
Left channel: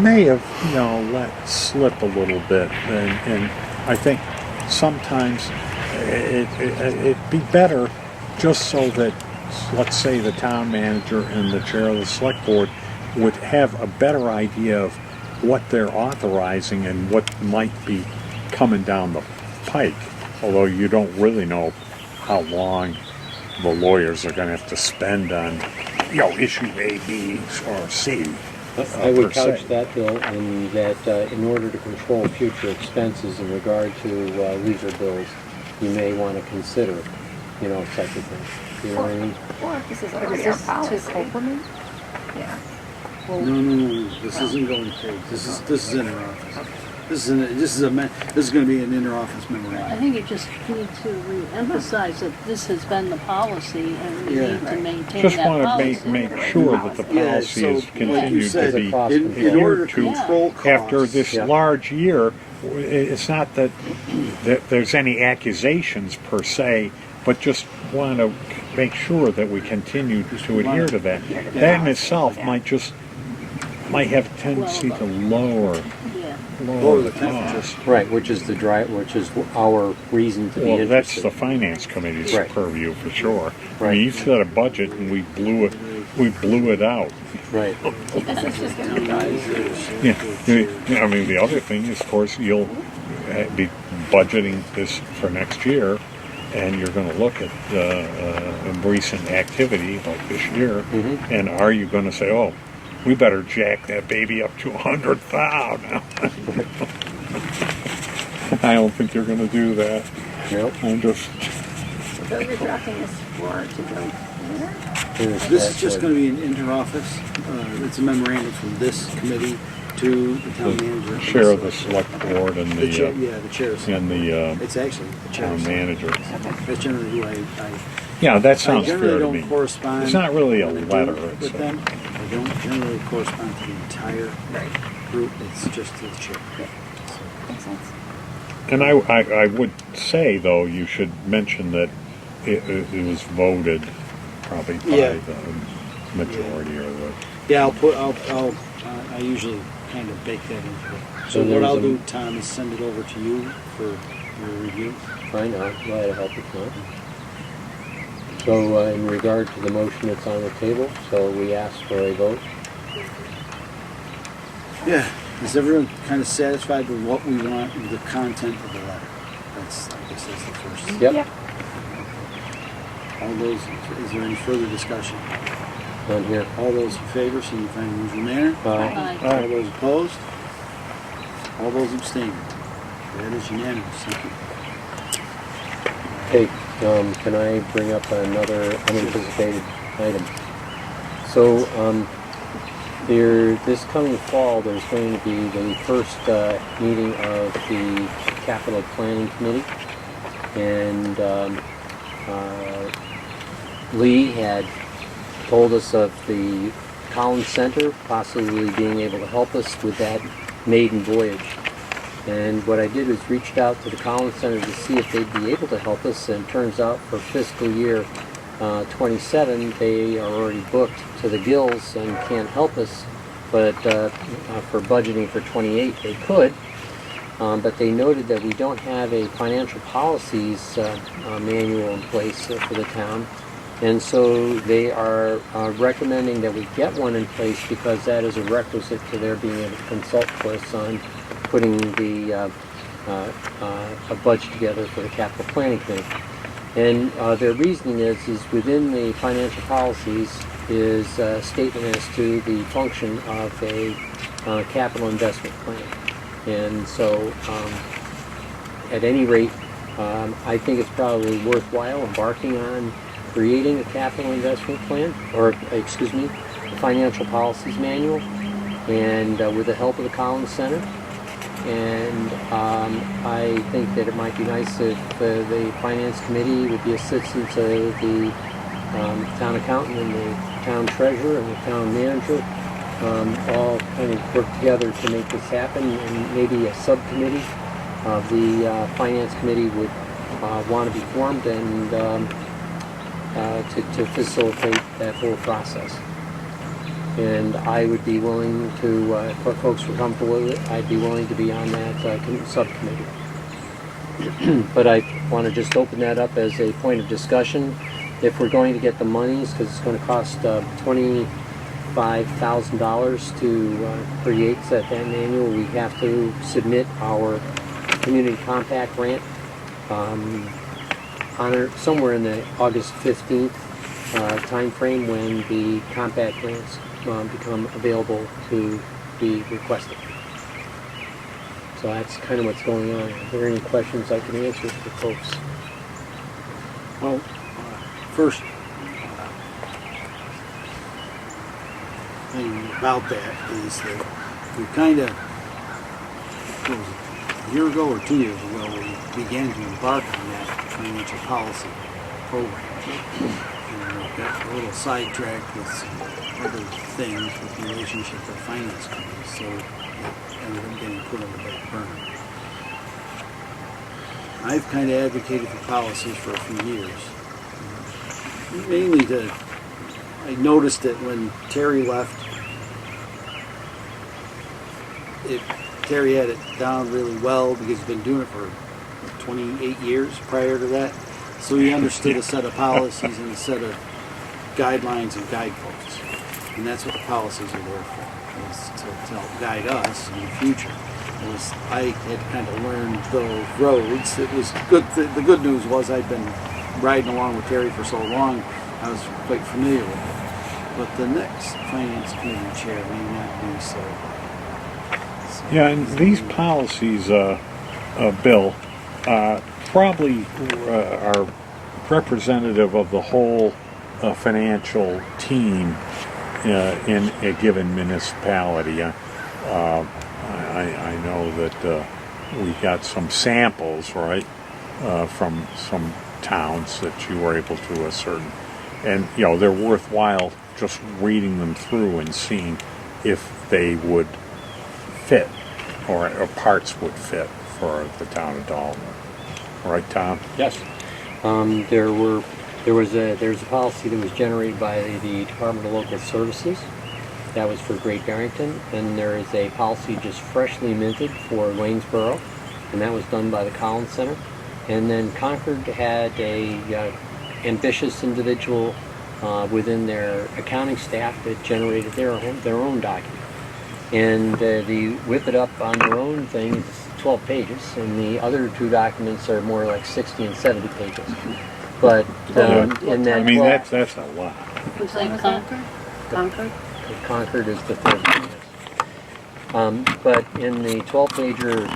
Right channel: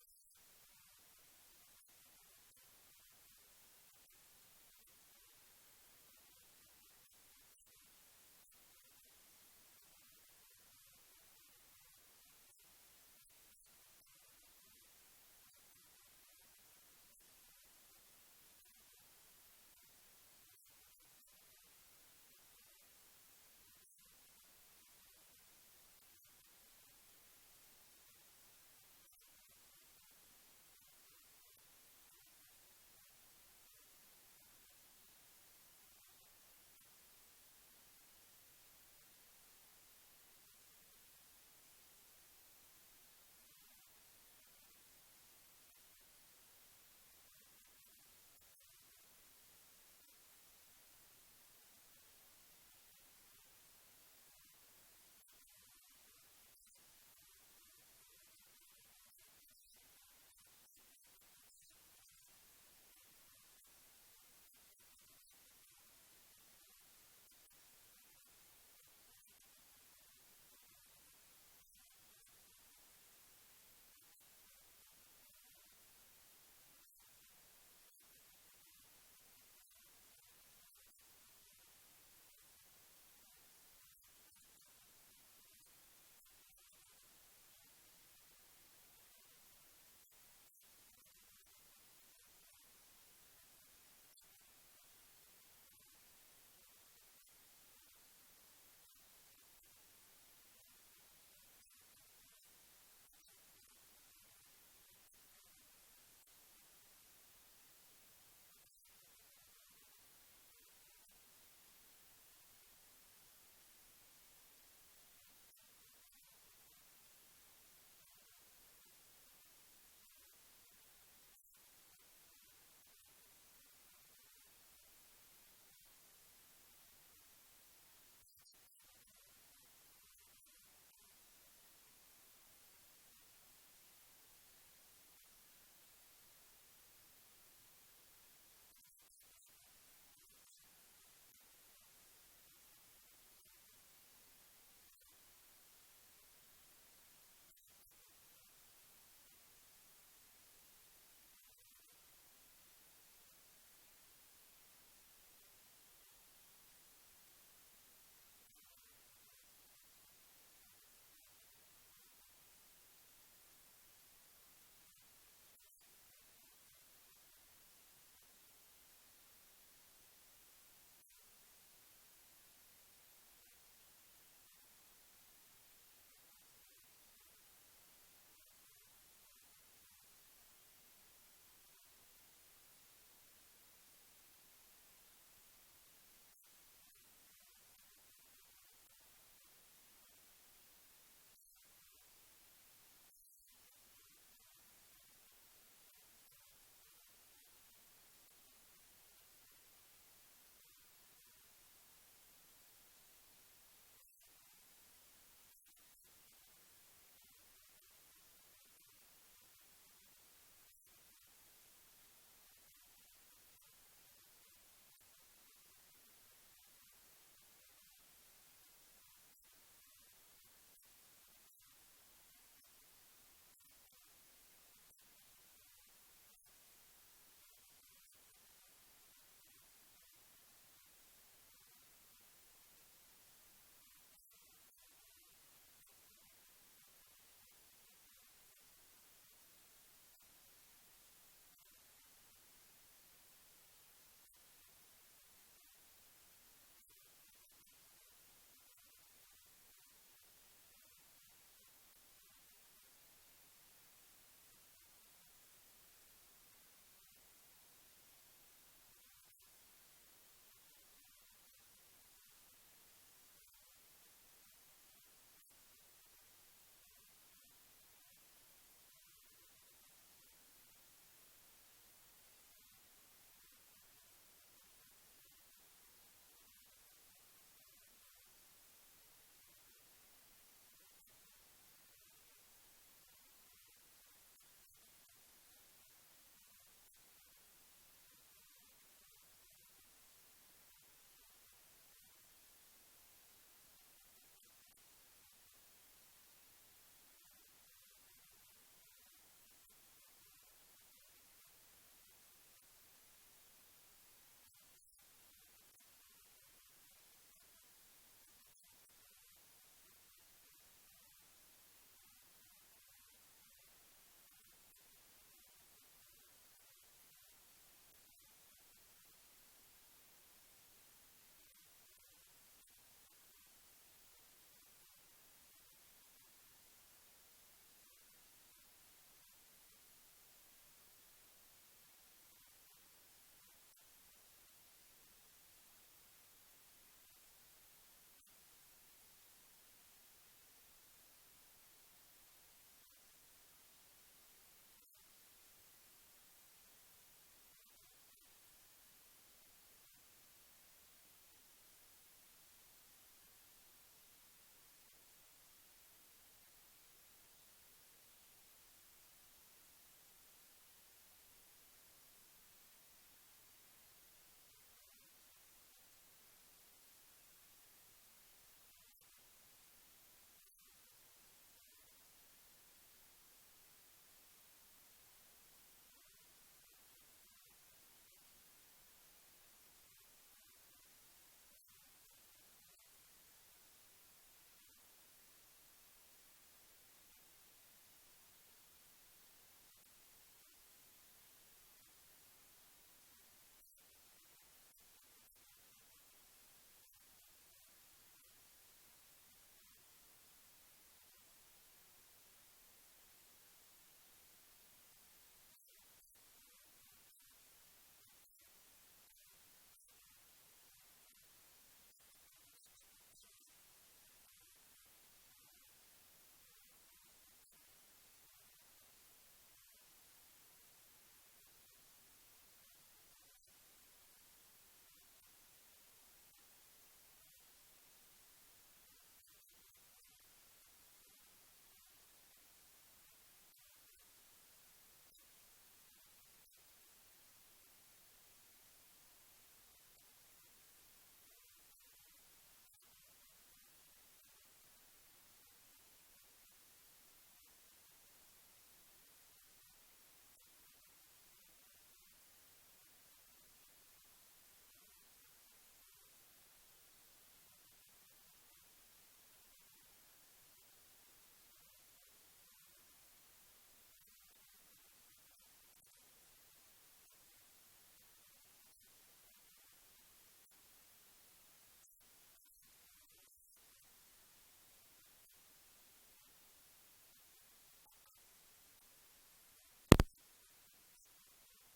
may have, let slip a little bit. And I think sometimes it'd be better just so that, let's say, the town manager and the chair of the select board would have a better idea of what they're authorizing and what might be coming down the pike, although you don't really know how long the lawyers are going to have to spend on, issue A, B, or C. I would per couch se. that, Bill, in that in order to control future expenses in regard to leisure bills, you may want to consider, such a thing. You know what I mean? Or if this is But already is our this to policy. Copeland? Yeah. No. This isn't going to pay. This is interoffice. This is going to be an interoffice I memorandum. think you just need to re-emphasize that this has been the policy and we Yeah. need to maintain Just that want to policy. make sure that the Yeah, policy so is like you continued said, to be cost in control. order to to control costs. after this Yeah. large year. It's not that there's any accusations per se, but just want to make sure that we continue to adhere to that. That in itself might have a tendency to lower Yeah. Lower the the temperature. cost. Right, which is our reason to be Well, that's interested. the finance committee's Right. purview for sure. I Right. mean, you set a budget and we blew it out. Right. This is just going to be done. Yeah. I mean, the other thing is, of course, you'll be budgeting this for next year, and you're going to look at recent activity like this year, and are you going to say, "Oh, we better jack that baby up to 100,000"? I don't think you're going to do that. Nope. I'm just. So you're drafting this for to go here? This is just going to be an interoffice. It's a memorandum from this committee to the town manager. The chair of the select board and The chair, the yeah, the chair. it's actually the chair. town manager. That's generally who I Yeah, that I sounds generally fair to don't me. correspond. It's not really a when I do letter. with It's them. I don't generally correspond to the entire group. It's just to the chair. Makes sense. And I would say, though, you should mention that it was voted probably by Yeah. the majority or the. Yeah, I usually kind of bake that into it. So So what there's I'll a- do, Tom, is send it over to you for your review. Fine, I'll glad to help if not. So in regard to the motion that's on the table, so we ask for a vote. Yeah. Is everyone kind of satisfied with what we want, with the content of the letter? I guess that's the first. Yep. All those, is there any further discussion? None here. All those in favor, signify in the usual manner. Aye. Aye. All those opposed? All those abstaining? That is unanimous. Thank you. Okay, can I bring up another unanticipated item? So, this coming fall, there's going to be the first meeting of the Capital Planning Committee, and Lee had told us of the Collins Center possibly being able to help us with that maiden voyage. And what I did was reached out to the Collins Center to see if they'd be able to help us, and it turns out for fiscal year 27, they are already booked to the gills and can't help us, but for budgeting for 28 they could. But they noted that we don't have a financial policies manual in place for the town, and so they are recommending that we get one in place because that is a requisite to their being able to consult with us on putting the a budget together for the capital planning committee. And their reasoning is within the financial policies is a statement as to the function of a capital investment plan. And so, at any rate, I think it's probably worthwhile embarking on creating a capital investment plan, or excuse me, a financial policies manual, and with the help of the Collins Center. And I think that it might be nice if the Finance Committee, with the assistance of the town accountant and the town treasurer and the town manager, all kind of work together to make this happen, and maybe a subcommittee of the Finance Committee would want to be formed and to facilitate that whole process. And I would be willing to, if folks were comfortable with it, I'd be willing to be on that subcommittee. But I want to just open that up as a point of discussion. If we're going to get the monies, because it's going to cost $25,000 to create that manual, we have to submit our community compact grant somewhere in the August 15th time frame, when the compact grants become available to be requested. So that's kind of what's going on. Are there any questions I can answer for folks? Well, first thing about that is that we kind of, a year ago or 2 years ago, we began to embark on that financial policy program. And we got a little sidetracked with some other things with the relationship with finance committees, so it ended up getting put on the back burner. I've kind of advocated for policies for a few years. Mainly I noticed that when Terry left, Terry had it down really well because he's been doing it for 28 years prior to that. So he understood a set of policies and a set of guidelines and guideposts. And that's what the policies are there for, is to help guide us in the future. I had kind of learned those roads. It was good. The good news was I'd been riding along with Terry for so long, I was quite familiar with it. But the next finance committee chair may not be so. Yeah, and these policies, Bill, probably are representative of the whole financial team in a given municipality. I know that we got some samples, right, from some towns that you were able to ascertain. And, they're worthwhile just reading them through and seeing if they would fit, or parts would fit for the town of Dalton. Right, Tom? Yes. There's a policy that was generated by the Department of Local Services. That was for Great Barrington. And there is a policy just freshly minted for Waynesboro, and that was done by the Collins Center. And then Concord had a ambitious individual within their accounting staff that generated their own document. And the whip it up on their own thing is 12 pages, and the other two documents are more like 60 and 70 pages. But in that, that's a lot. Was that Concord? Concord is the third one. But in the 12-pager,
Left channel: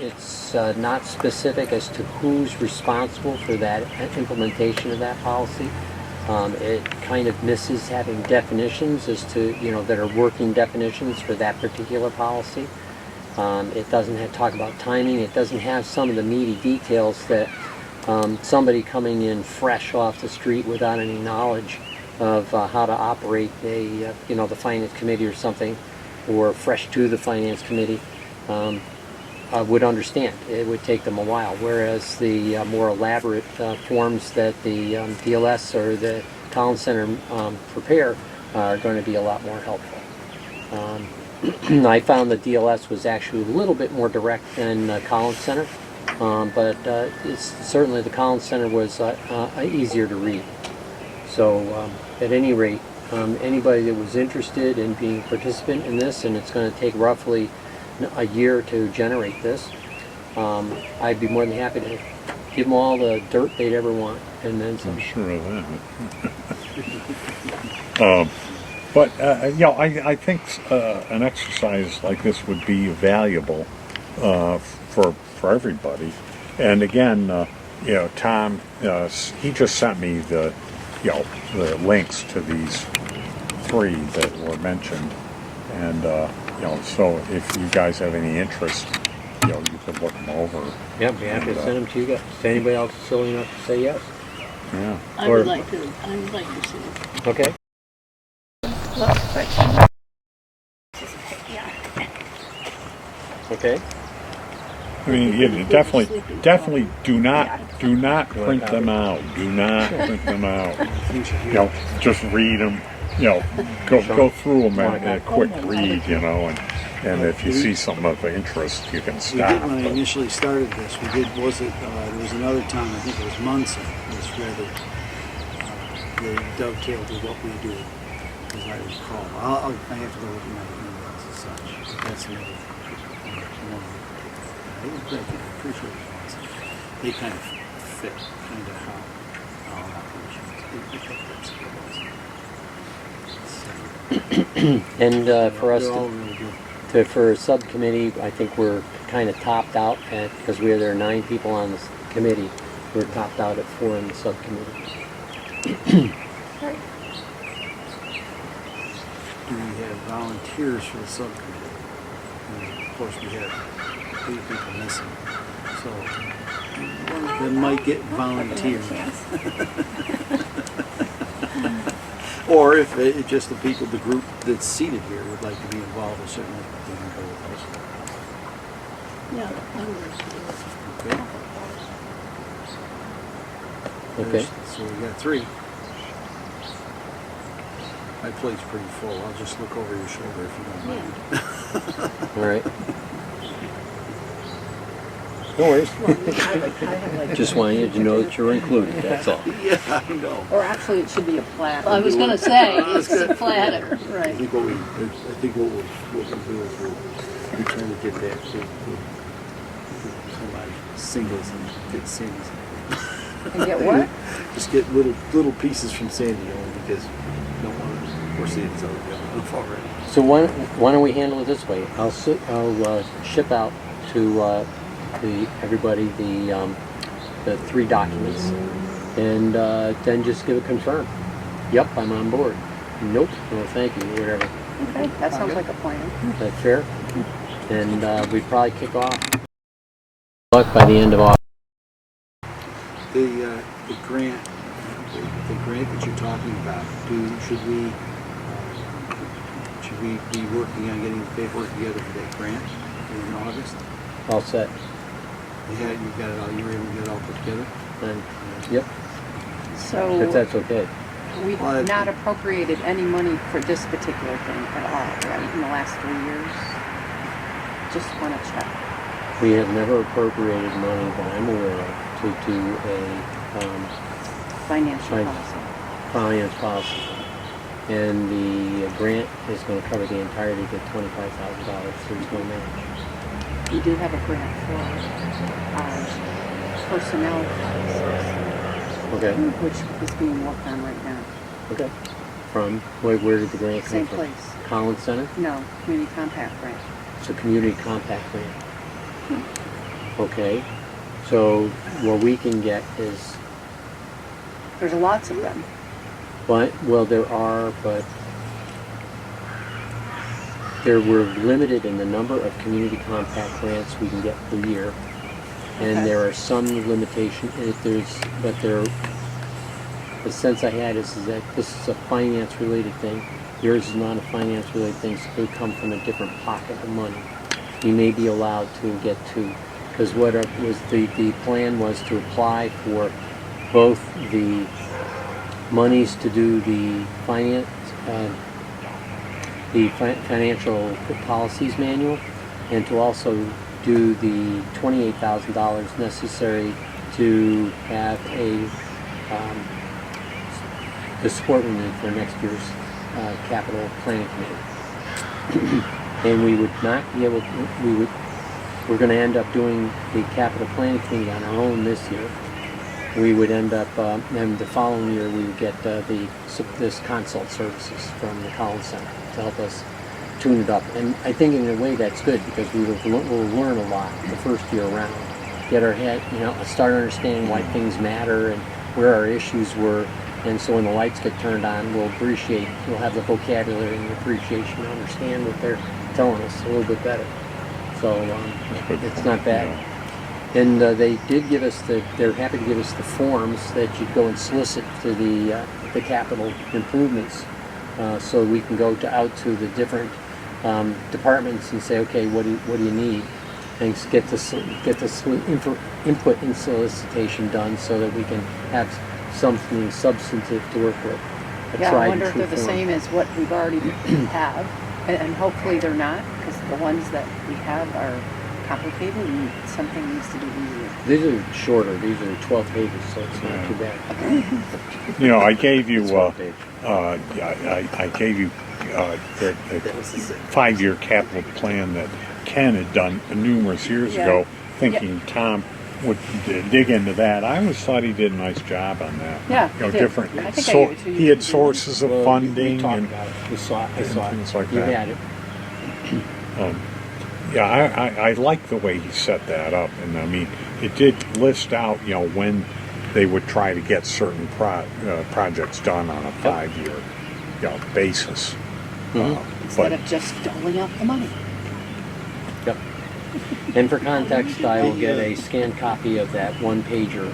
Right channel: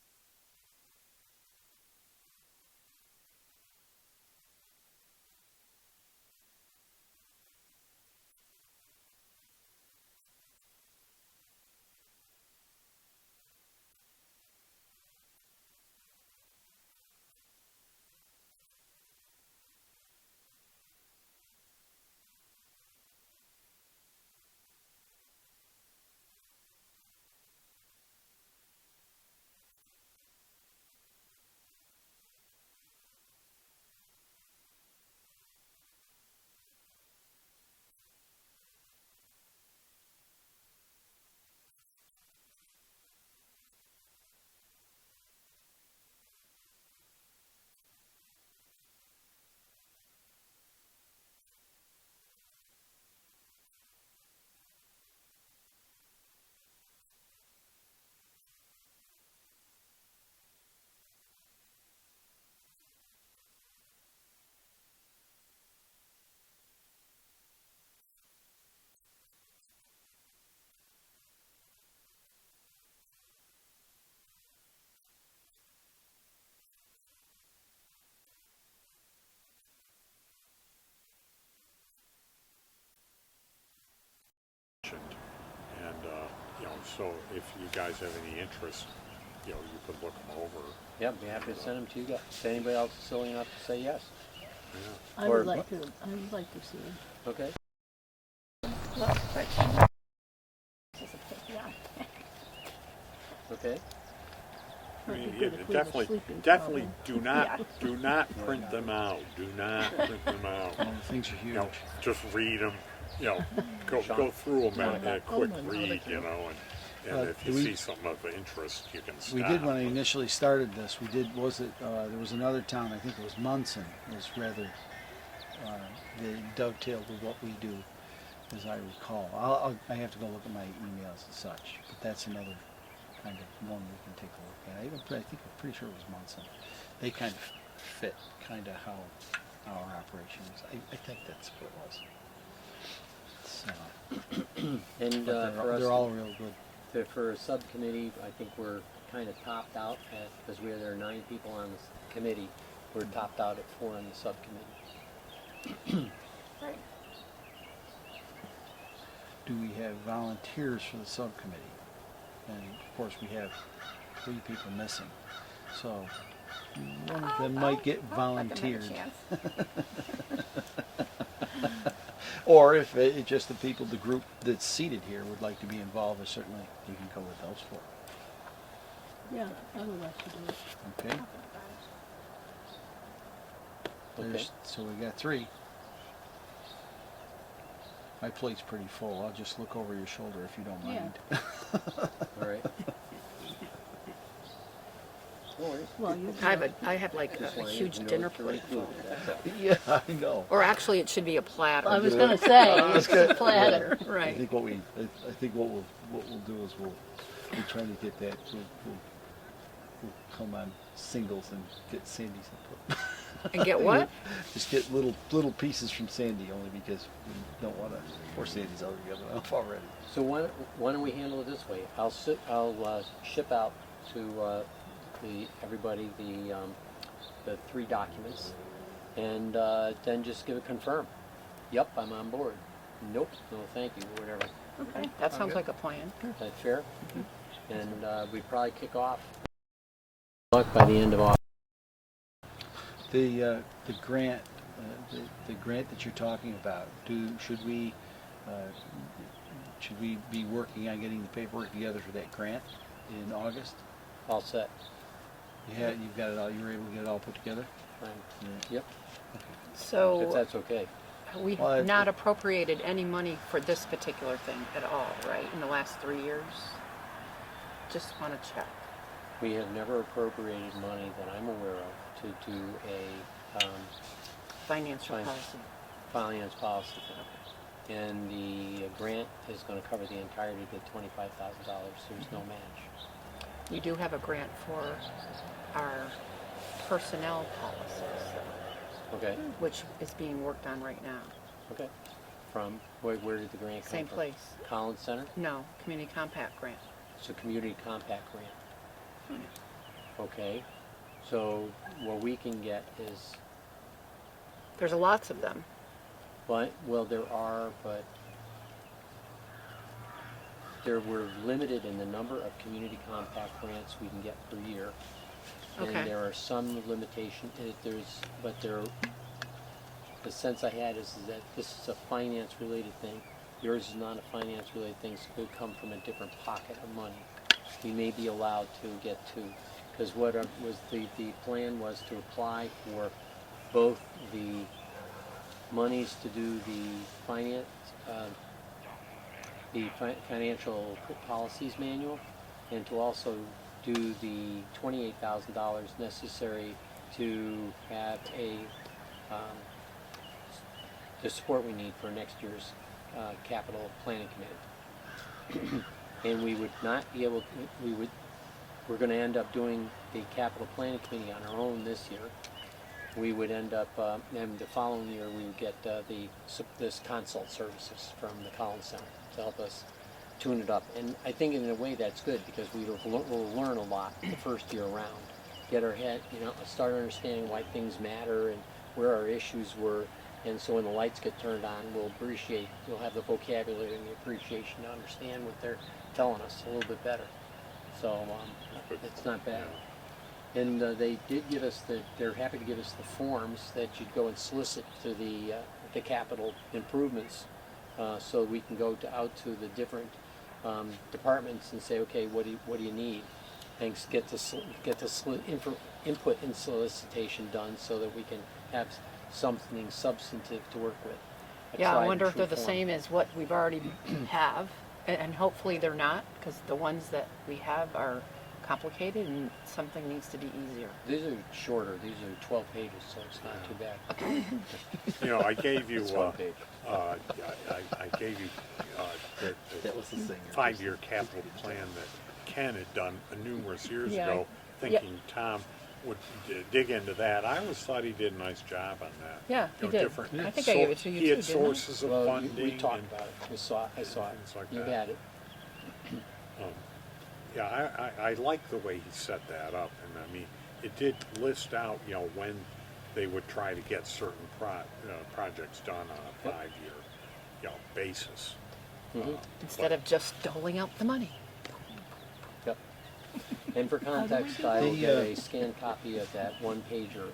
it's not specific as to who's responsible for that implementation of that policy. It kind of misses having definitions as to, that are working definitions for that particular policy. It doesn't talk about timing. It doesn't have some of the meaty details that somebody coming in fresh off the street without any knowledge of how to operate the finance committee or something, or fresh to the finance committee, would understand. It would take them a while, whereas the more elaborate forms that the DLS or the Collins Center prepare are going to be a lot more helpful. I found the DLS was actually a little bit more direct than Collins Center, but it's certainly the Collins Center was easier to read. So at any rate, anybody that was interested in being a participant in this, and it's going to take roughly a year to generate this, I'd be more than happy to give them all the dirt they'd ever want, and then some. I'm sure of that. But you know, I think an exercise like this would be valuable for everybody. And again, you know, Tom, he just sent me the links to these 3 that were mentioned, and you know, so if you guys have any interest, you know, you could look them over. Yeah, be happy to send them to you guys. If anybody else is silly enough to say yes. Yeah. I would like to see it. Okay. Well, but, yeah. I Okay. mean, definitely do not print them out. Do not print them out. You know, just read them. You know, go through them at a quick read. You know, and if you see something of interest, you can We stop. did when I initially started this. We did. There was another time. I think it was Munson. It was rather they dovetailed with what we do, as I recall. I have to go look at my emails and such. That's another one. I'm pretty sure it was Munson. They kind of fit kind of how our operations. And for us They're all to, really good. for a subcommittee, I think we're kind of topped out at, because there are 9 people on this committee. We're topped out at 4 in the subcommittee. Right. Do we have volunteers for the subcommittee? And of course, we have 3 people missing. So one of them might get volunteered. Chance. Or if just the people, the group that's seated here would like to be involved, certainly they can go with us. Yeah, I would like to do it. Okay. Okay. So we got 3. My plate's pretty full. I'll just look over your shoulder if you don't mind. All right. No worries. I have like. Just wanted you to know that you're included, that's all. Yeah, I know. Or actually, it should be a platter. I was going to say, it's a flatter. I Right. think what we'll do is we're trying to get back to somebody singles and get Sandy's. And get what? Just get little pieces from Sandy only because we don't want to force it to enough already. So why don't we handle it this way? I'll ship out to everybody the 3 documents, and then just give a confirm. Yep, I'm on board. Nope, no thank you, whatever. Okay, that sounds like a plan. Is that fair? And we'd probably kick off by the end of August. The grant that you're talking about. Should we be working on getting the paperwork together for that grant in August? All set. Yeah, you've got it all. You were able to get it all put together. And, yep, if So that's okay. we've Well, not appropriated any money for this particular thing at all, right, in the last 3 years? Just want to check. We have never appropriated money that I'm aware of to do a Financial Right. policy. finance policy. And the grant is going to cover the entirety of the $25,000. There's no match. We do have a grant for our personnel policies, Okay. which is being worked on right now. Okay. From where did the grant come Same from? place. Collins Center. No, community compact grant. It's a community compact grant. Okay. So what we can get is, There's lots of them. well, there are, but we're limited in the number of community compact grants we can get per year, and Okay. there are some limitation. The sense I had is that this is a finance-related thing. Yours is not a finance-related thing, so it could come from a different pocket of money. You may be allowed to get 2, because what was the plan was to apply for both the monies to do the financial policies manual, and to also do the $28,000 necessary to have the support we need for next year's capital planning committee. And we would not be able to, we're going to end up doing the capital planning committee on our own this year. We would end up, and the following year we would get this consult services from the Collins Center to help us tune it up. And I think in a way that's good because we'll learn a lot the first year around. Get our head, start understanding why things matter and where our issues were. And so when the lights get turned on, we'll have the vocabulary and the appreciation to understand what they're telling us a little bit better. So it's not bad. And they did give us they're happy to give us the forms that you'd go and solicit to the capital improvements, so we can go out to the different departments and say, okay, what do you need, and get this input and solicitation done so that we can have something substantive to work with. Yeah, I wonder if they're the same as what we've already have, and hopefully they're not, because the ones that we have are complicated and something needs to be easier. These are shorter. These are 12 pages, so it's not too bad. I gave you, I gave you the 5-year capital plan that Ken had done numerous years ago, thinking Tom would dig into that. I always thought he did a nice job on that. Yeah, he did. Different. I think I gave it to you he too, had didn't I? sources of Well, funding we talked and about it. We saw it. things like You that. had it. I like the way he set that up, and I mean, it did list out, when they would try to get certain projects done on a 5-year, basis. Instead of just doling out the money. Yep. And for context, I will get a scanned copy of that one-pager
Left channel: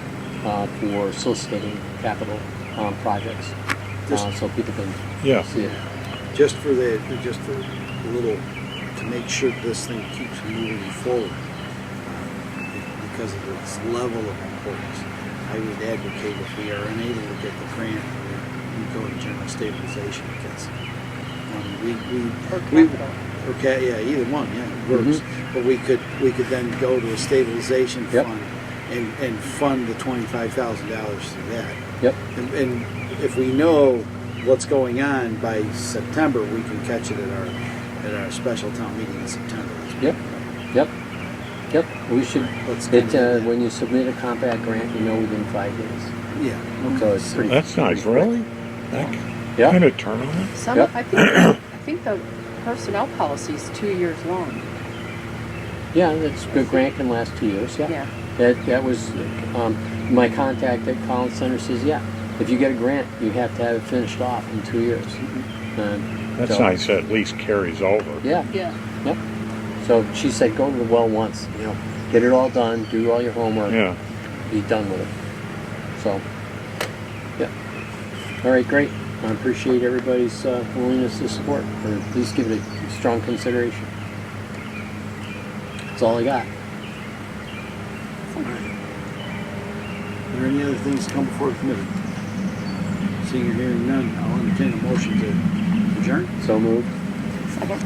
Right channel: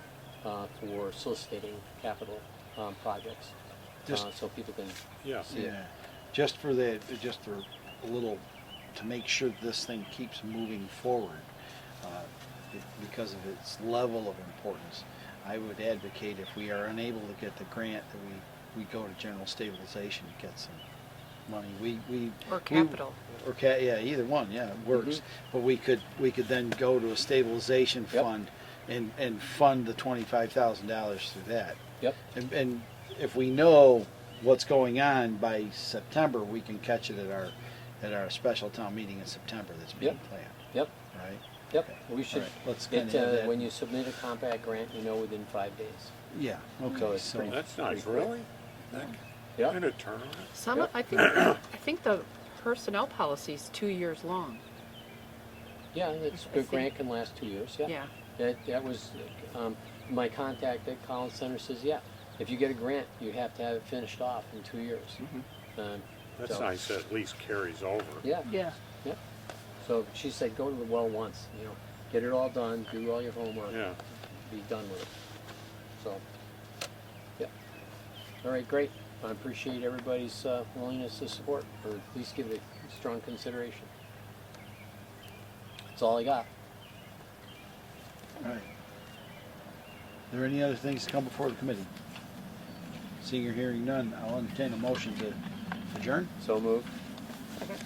for soliciting capital projects, so people can see it. Just for a little, to make sure this thing keeps moving forward, because of its level of importance, I would advocate if we are unable to get the grant, we go to general stabilization because Or capital. okay, yeah, either one, yeah, it works. But we could then go to a stabilization Yep. fund and fund the $25,000 through that. Yep. And if we know what's going on by September, we can catch it at our special town meeting in September. Yep. We should. Let's do that. When you submit a compact grant, within 5 days. Yeah. So it's pretty. That's nice, pretty quick. really? That Yeah. kind of tournament? Some, Yep. I think the personnel policy is 2 years long. Yeah, that's good. Grant can last 2 years. Yeah. Yeah. That was my contact at Collins Center says, if you get a grant, you have to have it finished off in 2 years. That's So- nice. It at least carries over. Yeah. Yeah. Yep. So she said, go to the well once. Get it all done. Do all your homework. Yeah. Be done with it. So, yeah. All right, great. I appreciate everybody's willingness to support, or at least give it a strong consideration. That's all I got. Are there any other things to come before the committee? Seeing or hearing none, I'll entertain a motion to adjourn. So moved. Second.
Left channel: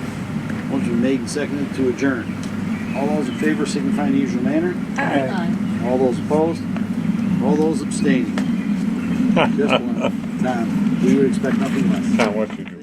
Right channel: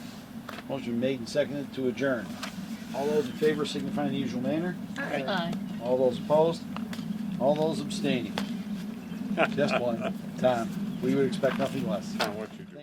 Motion made and seconded to adjourn. All those in favor signify in the usual manner. Aye. All those opposed? All those abstaining? Just one. Tom, we would expect nothing less. Not what you do.